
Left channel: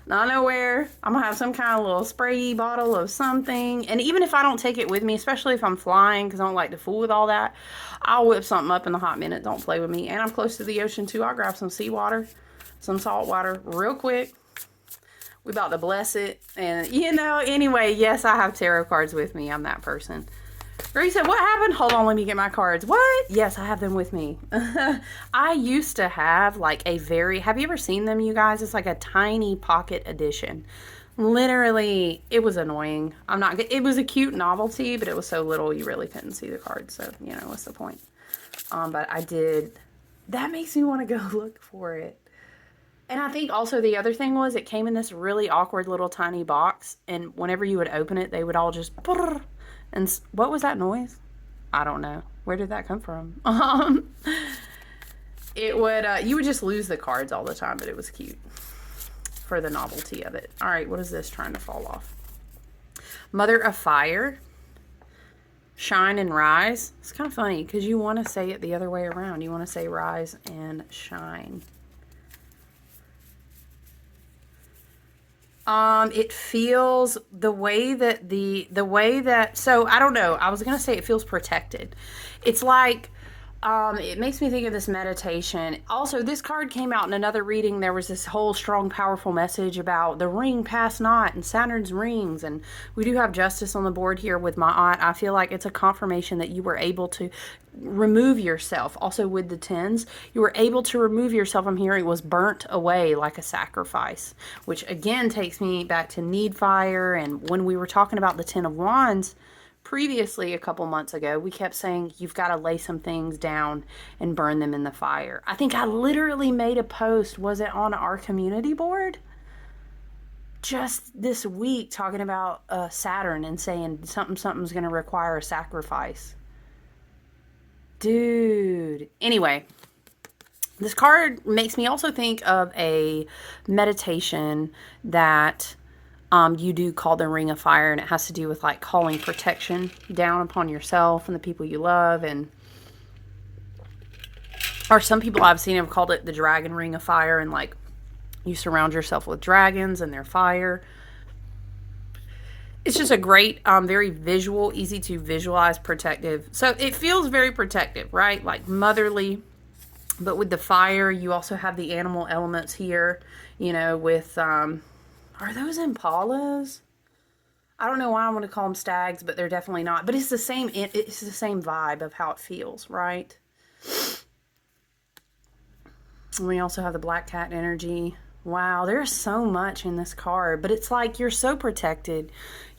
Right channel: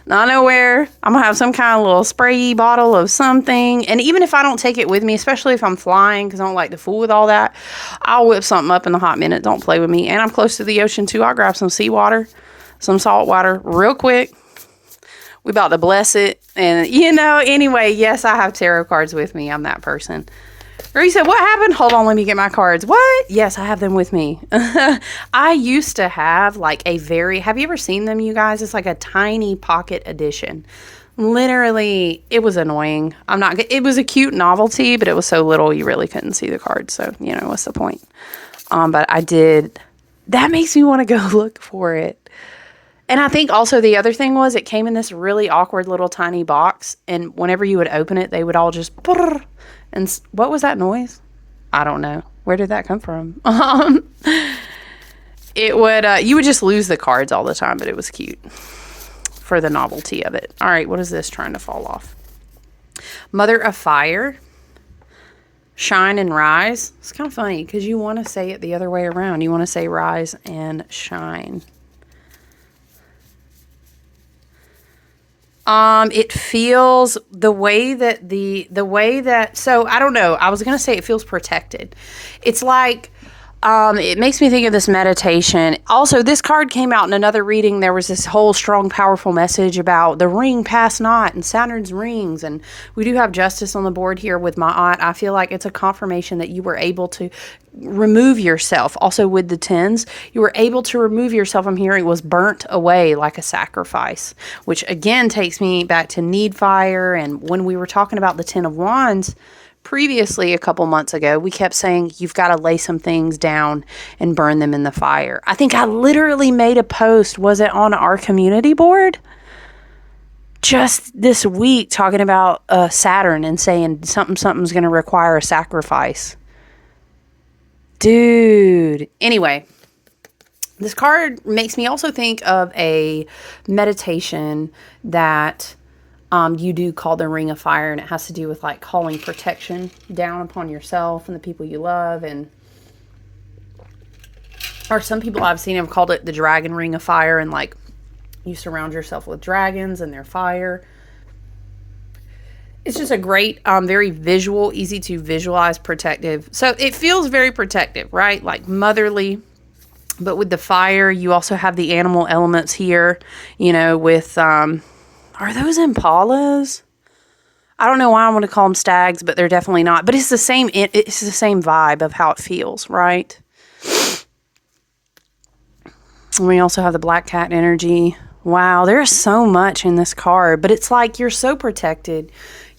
Not nowhere. I'm going to have some kind of little spray bottle of something. And even if I don't take it with me, especially if I'm flying, because I don't like to fool with all that, I'll whip something up in a hot minute. Don't play with me. And I'm close to the ocean, too. I'll grab some seawater, some salt water real quick. We about to bless it. And, you know, anyway, yes, I have tarot cards with me. I'm that person. Or you said, what happened? Hold on, let me get my cards. What? Yes, I have them with me. I used to have like have you ever seen them, you guys? It's like a tiny pocket edition. Literally, it was annoying. It was a cute novelty, but it was so little you really couldn't see the cards. So, you know, what's the point? But I did. That makes me want to go look for it. And I think also the other thing was it came in this really awkward little tiny box. And whenever you would open it, they would all just... And what was that noise? I don't know. Where did that come from? It would, you would just lose the cards all the time, but it was cute for the novelty of it. All right, what is this trying to fall off? Mother of Fire, Shine and Rise. It's kind of funny because you want to say it the other way around. You want to say rise and shine. It feels the way that, so I don't know. I was going to say it feels protected. It's like, it makes me think of this meditation. Also, this card came out in another reading. There was this whole strong, powerful message about the ring pass not and Saturn's rings. And we do have Justice on the board here with my aunt. I feel like it's a confirmation that you were able to remove yourself. Also with the tens, you were able to remove yourself. I'm hearing was burnt away like a sacrifice, which again takes me back to need fire. And when we were talking about the Ten of Wands previously a couple months ago, we kept saying you've got to lay some things down and burn them in the fire. I think I literally made a post, was it on our community board? Just this week talking about Saturn and saying something's going to require a sacrifice. Dude. Anyway, this card makes me also think of a meditation that you do called the Ring of Fire, and it has to do with like calling protection down upon yourself and the people you love, or some people I've seen have called it the Dragon Ring of Fire, and like you surround yourself with dragons and their fire. It's just a great, very visual, easy to visualize, protective. So it feels very protective, right? Like motherly. But with the fire, you also have the animal elements here, you know, with, are those impalas? I don't know why I want to call them stags, but they're definitely not. But it's the same vibe of how it feels, right? And we also have the black cat energy. Wow, there's so much in this card, but it's like you're so protected.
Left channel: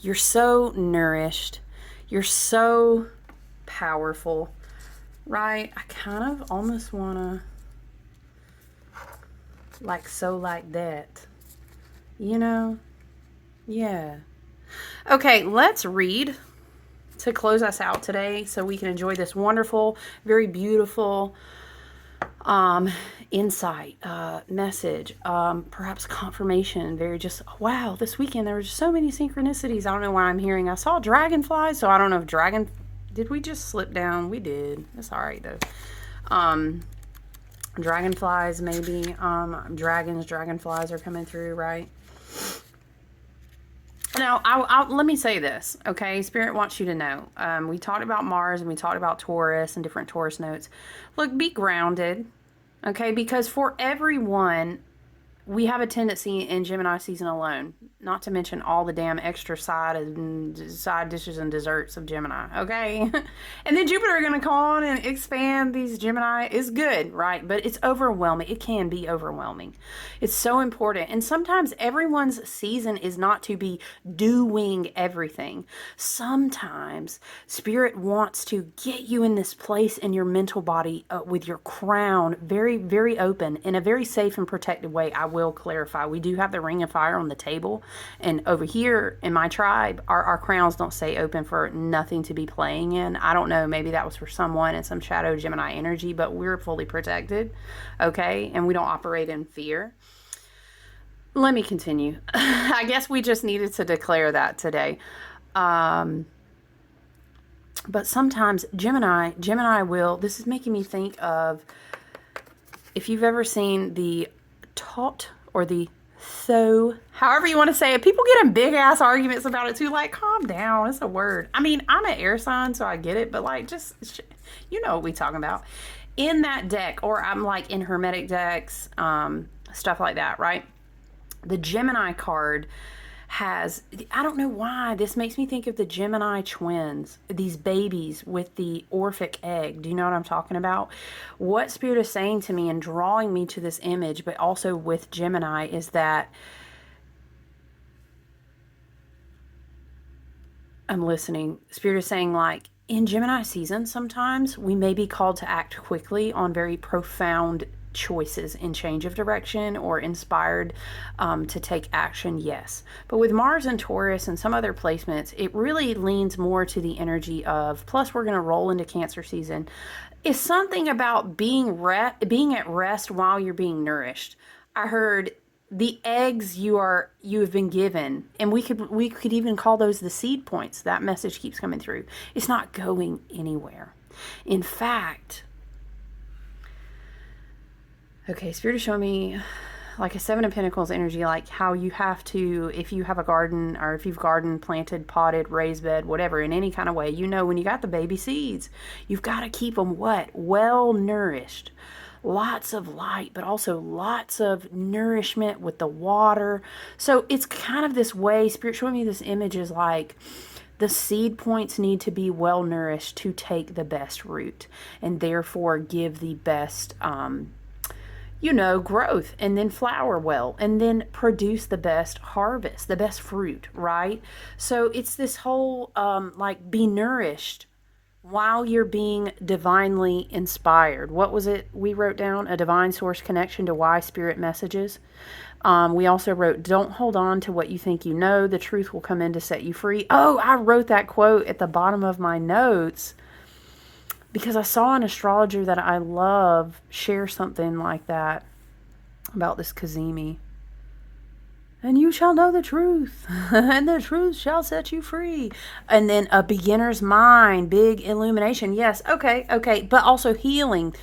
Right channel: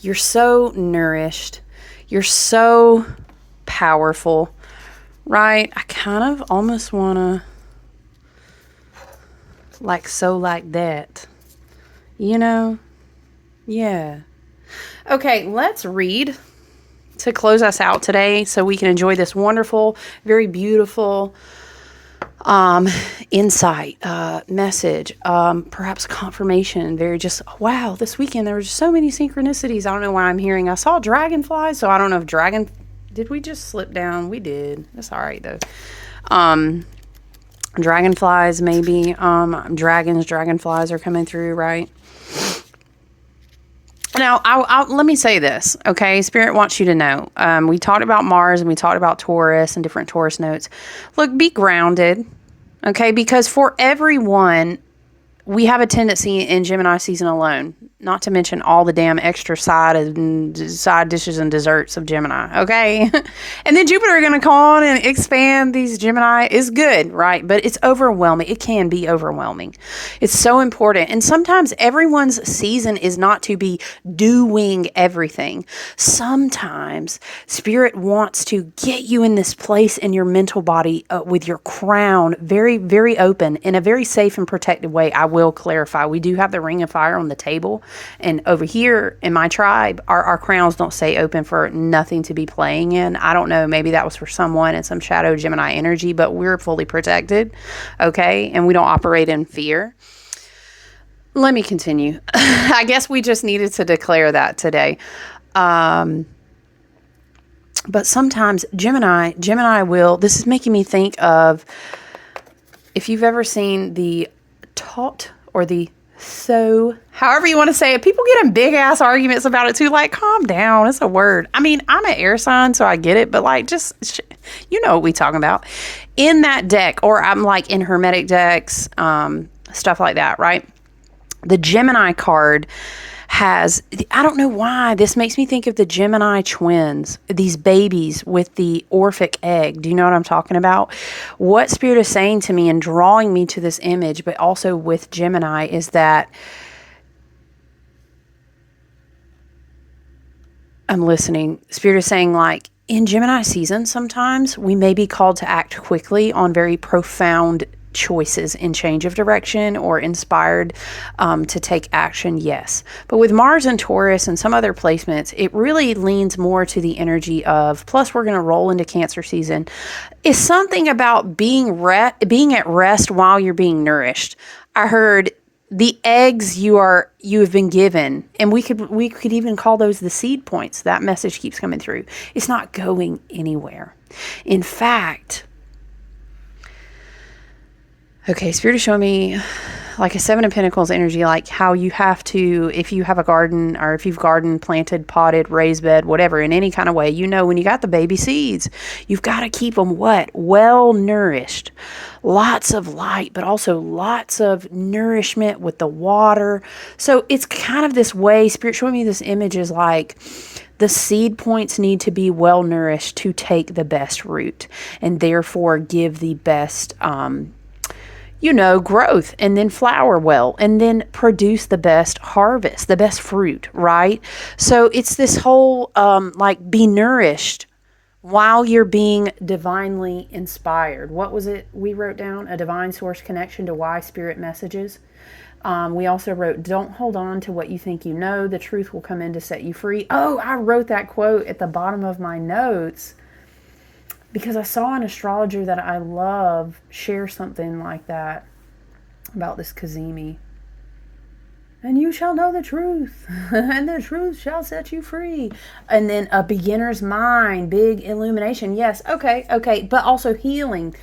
You're so nourished. You're so powerful, right? I kind of almost want to like that, you know? Yeah. Okay, let's read to close us out today so we can enjoy this wonderful, very beautiful insight, message, perhaps confirmation, very just, wow, this weekend there were so many synchronicities. I don't know why I'm hearing, I saw dragonflies, so I don't know if did we just slip down? We did. That's all right though. Dragonflies, maybe. Dragonflies are coming through, right? Now, let me say this, okay? Spirit wants you to know. We talked about Mars and we talked about Taurus and different Taurus notes. Look, be grounded, okay? Because for everyone, we have a tendency in Gemini season alone, not to mention all the damn extra side dishes and desserts of Gemini, okay? And then Jupiter are going to come on and expand these Gemini. Is good, right? But it's overwhelming. It can be overwhelming. It's so important. And sometimes everyone's season is not to be doing everything. Sometimes Spirit wants to get you in this place in your mental body with your crown very, very open in a very safe and protected way. I will clarify. We do have the ring of fire on the table. And over here in my tribe, our crowns don't stay open for nothing to be playing in. I don't know. Maybe that was for someone and some shadow Gemini energy, but we're fully protected. Okay. And we don't operate in fear. Let me continue. I guess we just needed to declare that today. But sometimes Gemini will, this is making me think of, if you've ever seen the taught or the so, however you want to say it, people get in big ass arguments about it too. Like, calm down. It's a word. I mean, I'm an air sign, so I get it, but like, just, you know what we talking about. In that deck, or I'm like in Hermetic decks, stuff like that, right? The Gemini card has, I don't know why, this makes me think of the Gemini twins, these babies with the Orphic egg. Do you know what I'm talking about? What Spirit is saying to me and drawing me to this image, but also with Gemini, is that I'm listening. Spirit is saying, like, in Gemini season, sometimes we may be called to act quickly on very profound choices in change of direction or inspired to take action, yes. But with Mars and Taurus and some other placements, it really leans more to the energy of, plus we're going to roll into Cancer season, is something about being at rest while you're being nourished. I heard the eggs you have been given, and we could even call those the seed points. That message keeps coming through. It's not going anywhere. In fact, okay, Spirit is showing me like a Seven of Pentacles energy, like how you have to, if you have a garden or if you've garden, planted, potted, raised bed, whatever, in any kind of way, you know, when you got the baby seeds, you've got to keep them what? Well nourished. Lots of light, but also lots of nourishment with the water. So it's kind of this way, Spirit showing me this image is like, the seed points need to be well nourished to take the best root and therefore give the best, growth, and then flower well, and then produce the best harvest, the best fruit, right? So it's this whole, like, be nourished while you're being divinely inspired. What was it we wrote down? A divine source connection to why Spirit messages. We also wrote, don't hold on to what you think you know. The truth will come in to set you free. Oh, I wrote that quote at the bottom of my notes because I saw an astrologer that I love share something like that about this Cazimi. And you shall know the truth, and the truth shall set you free. And then a beginner's mind, big illumination. Yes, okay. But also healing.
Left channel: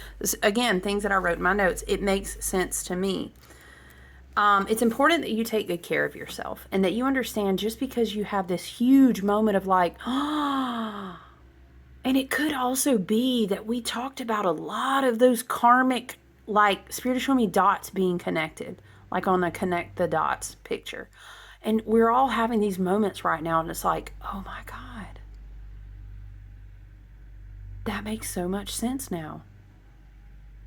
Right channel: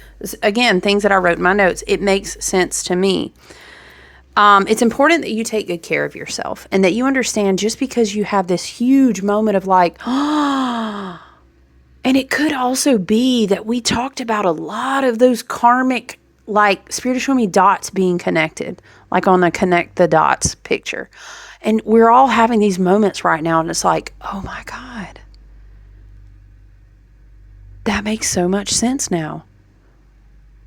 Again, things that I wrote in my notes. It makes sense to me. It's important that you take good care of yourself and that you understand just because you have this huge moment of like, and it could also be that we talked about a lot of those karmic, like, Spirit is showing me dots being connected, like on the connect the dots picture. And we're all having these moments right now, and it's like, oh my God, that makes so much sense now.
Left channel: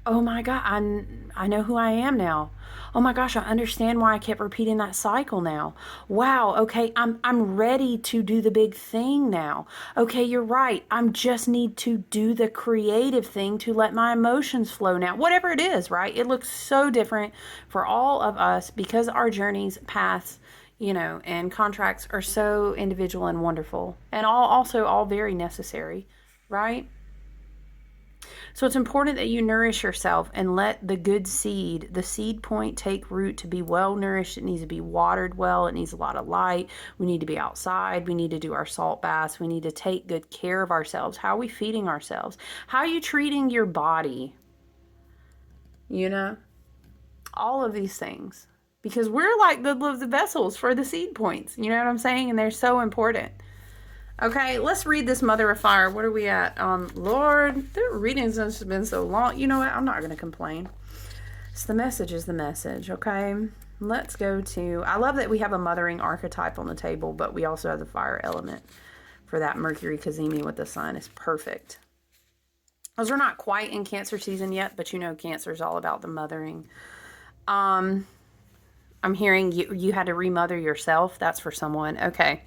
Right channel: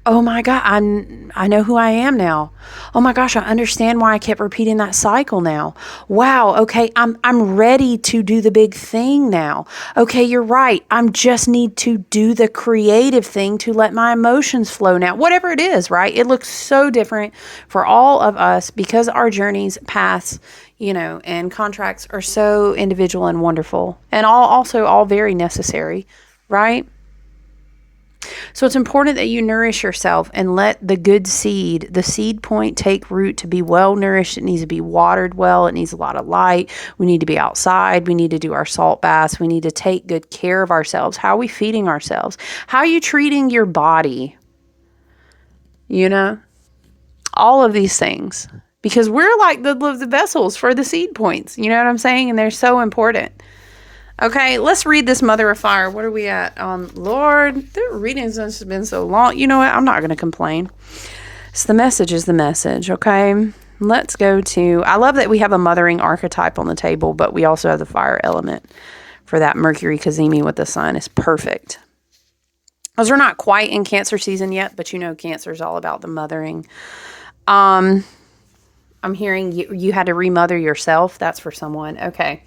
Oh my God, I know who I am now. Oh my gosh, I understand why I kept repeating that cycle now. Wow, okay, I'm ready to do the big thing now. Okay, you're right. I just need to do the creative thing to let my emotions flow now. Whatever it is, right? It looks so different for all of us because our journeys, paths, and contracts are so individual and wonderful, and all very necessary, right? So it's important that you nourish yourself and let the good seed, the seed point, take root to be well nourished. It needs to be watered well. It needs a lot of light. We need to be outside. We need to do our salt baths. We need to take good care of ourselves. How are we feeding ourselves? How are you treating your body? you know, all of these things, because we're like the vessels for the seed points. You know what I'm saying? And they're so important. Okay, let's read this Mother of Fire. What are we at? Lord, the readings has been so long. You know what? I'm not going to complain. So the message is the message, okay? Let's go to, I love that we have a mothering archetype on the table, but we also have the fire element for that Mercury Cazimi with the sun. Is perfect. Because we're not quite in Cancer season yet, but you know Cancer is all about the mothering. I'm hearing you had to remother yourself. That's for someone. Okay.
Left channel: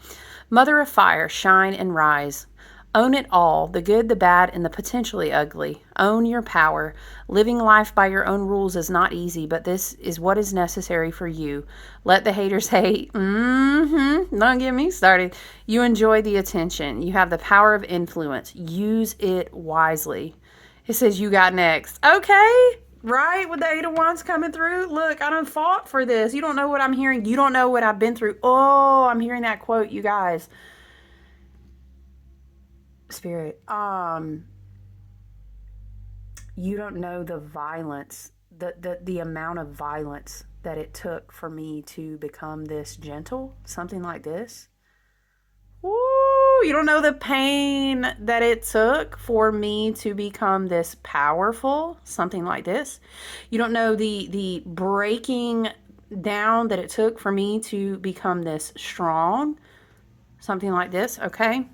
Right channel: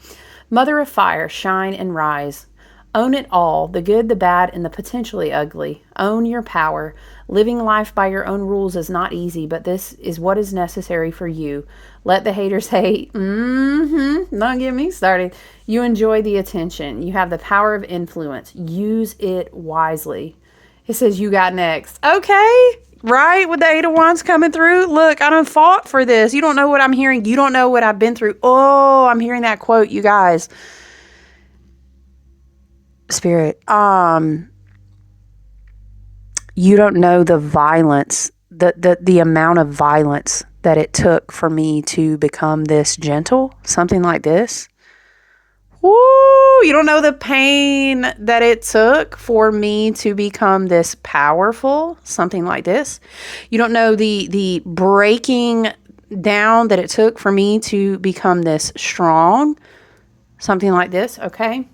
Mother of Fire, shine and rise. Own it all, the good, the bad, and the potentially ugly. Own your power. Living life by your own rules is not easy, but this is what is necessary for you. Let the haters hate. Don't get me started. You enjoy the attention. You have the power of influence. Use it wisely. It says you got next. Okay. Right? With the Eight of Wands coming through. Look, I done fought for this. You don't know what I'm hearing. You don't know what I've been through. Oh, I'm hearing that quote, you guys. Spirit. You don't know the violence, the amount of violence that it took for me to become this gentle. Something like this. Woo! You don't know the pain that it took for me to become this powerful, something like this. You don't know the breaking down that it took for me to become this strong, something like this, okay?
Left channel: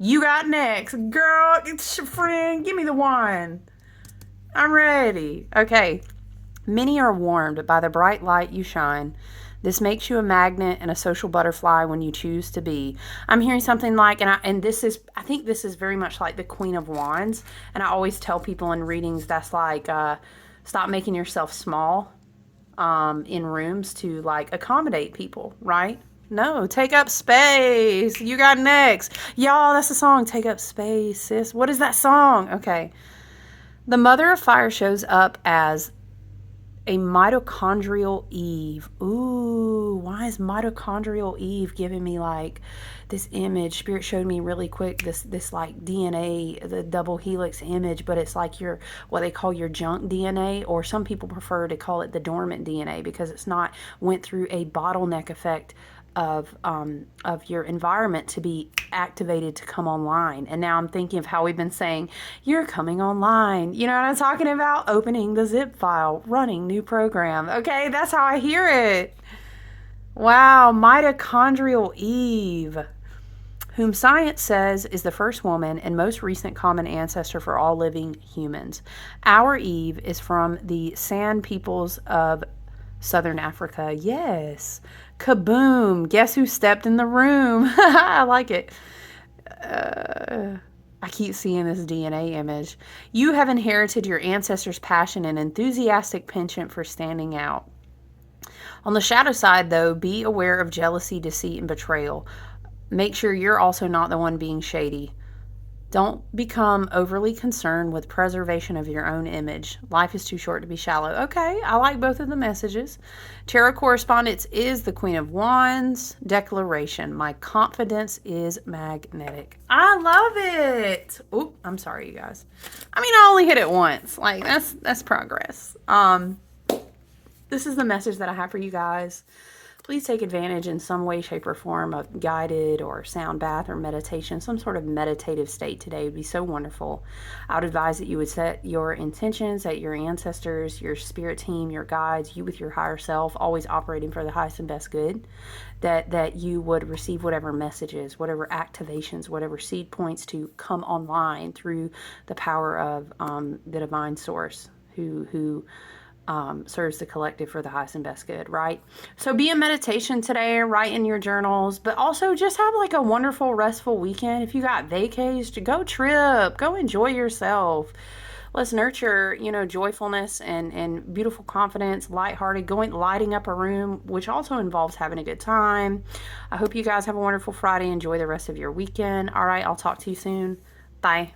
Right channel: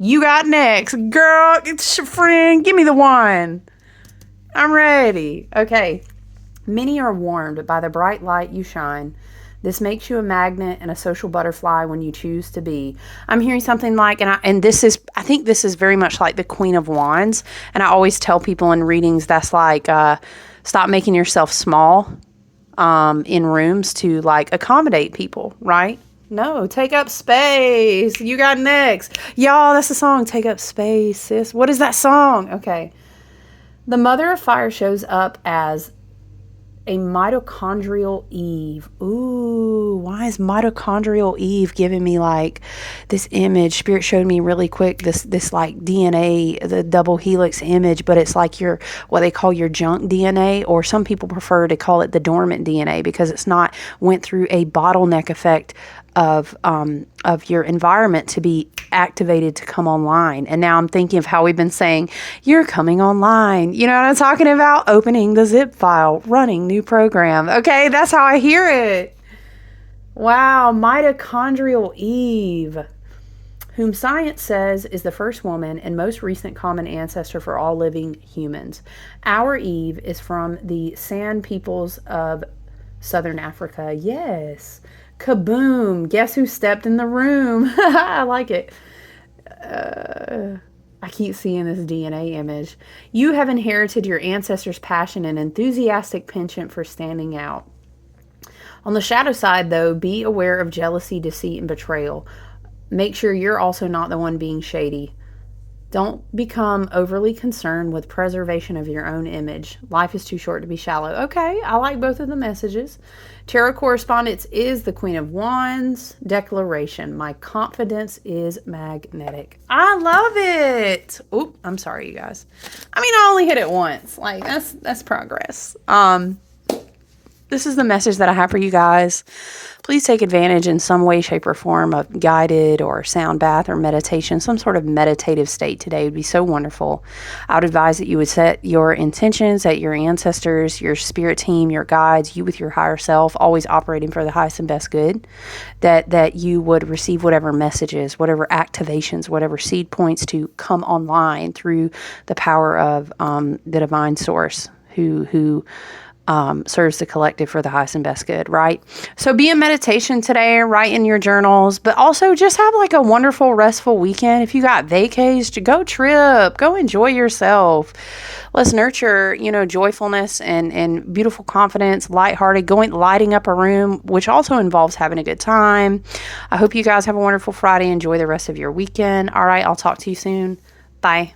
You got next. Girl, it's your friend. Give me the one. I'm ready. Okay. Many are warmed by the bright light you shine. This makes you a magnet and a social butterfly when you choose to be. I'm hearing something like, I think this is very much like the Queen of Wands. And I always tell people in readings that's like, stop making yourself small in rooms to like accommodate people, right? No, take up space. You got next. Y'all, that's the song. Take up space, sis. What is that song? Okay. The Mother of Fire shows up as a mitochondrial Eve. Ooh, why is mitochondrial Eve giving me like this image? Spirit showed me really quick this like DNA, the double helix image, but it's like your, what they call your junk DNA, or some people prefer to call it the dormant DNA because it's not went through a bottleneck effect of your environment to be activated to come online. And now I'm thinking of how we've been saying, you're coming online. You know what I'm talking about? Opening the zip file, running new program. Okay, that's how I hear it. Wow, mitochondrial Eve, whom science says is the first woman and most recent common ancestor for all living humans. Our Eve is from the San peoples of Southern Africa. Yes. Kaboom. Guess who stepped in the room? I like it. I keep seeing this DNA image. You have inherited your ancestors' passion and enthusiastic penchant for standing out. On the shadow side, though, be aware of jealousy, deceit, and betrayal. Make sure you're also not the one being shady. Don't become overly concerned with preservation of your own image. Life is too short to be shallow. Okay, I like both of the messages. Tarot correspondence is the Queen of Wands. Declaration: my confidence is magnetic. I love it. Oop, I'm sorry, you guys. I mean, I only hit it once. Like, that's progress. This is the message that I have for you guys. Please take advantage in some way, shape, or form of guided or sound bath or meditation. Some sort of meditative state today would be so wonderful. I would advise that you would set your intentions, that your ancestors, your spirit team, your guides, you with your higher self, always operating for the highest and best good, that you would receive whatever messages, whatever activations, whatever seed points to come online through the power of the divine source who serves the collective for the highest and best good, right? So be in meditation today, write in your journals, but also just have like a wonderful, restful weekend. If you got vacays, go trip, go enjoy yourself. Let's nurture, joyfulness and beautiful confidence, lighthearted, lighting up a room, which also involves having a good time. I hope you guys have a wonderful Friday. Enjoy the rest of your weekend. All right, I'll talk to you soon. Bye.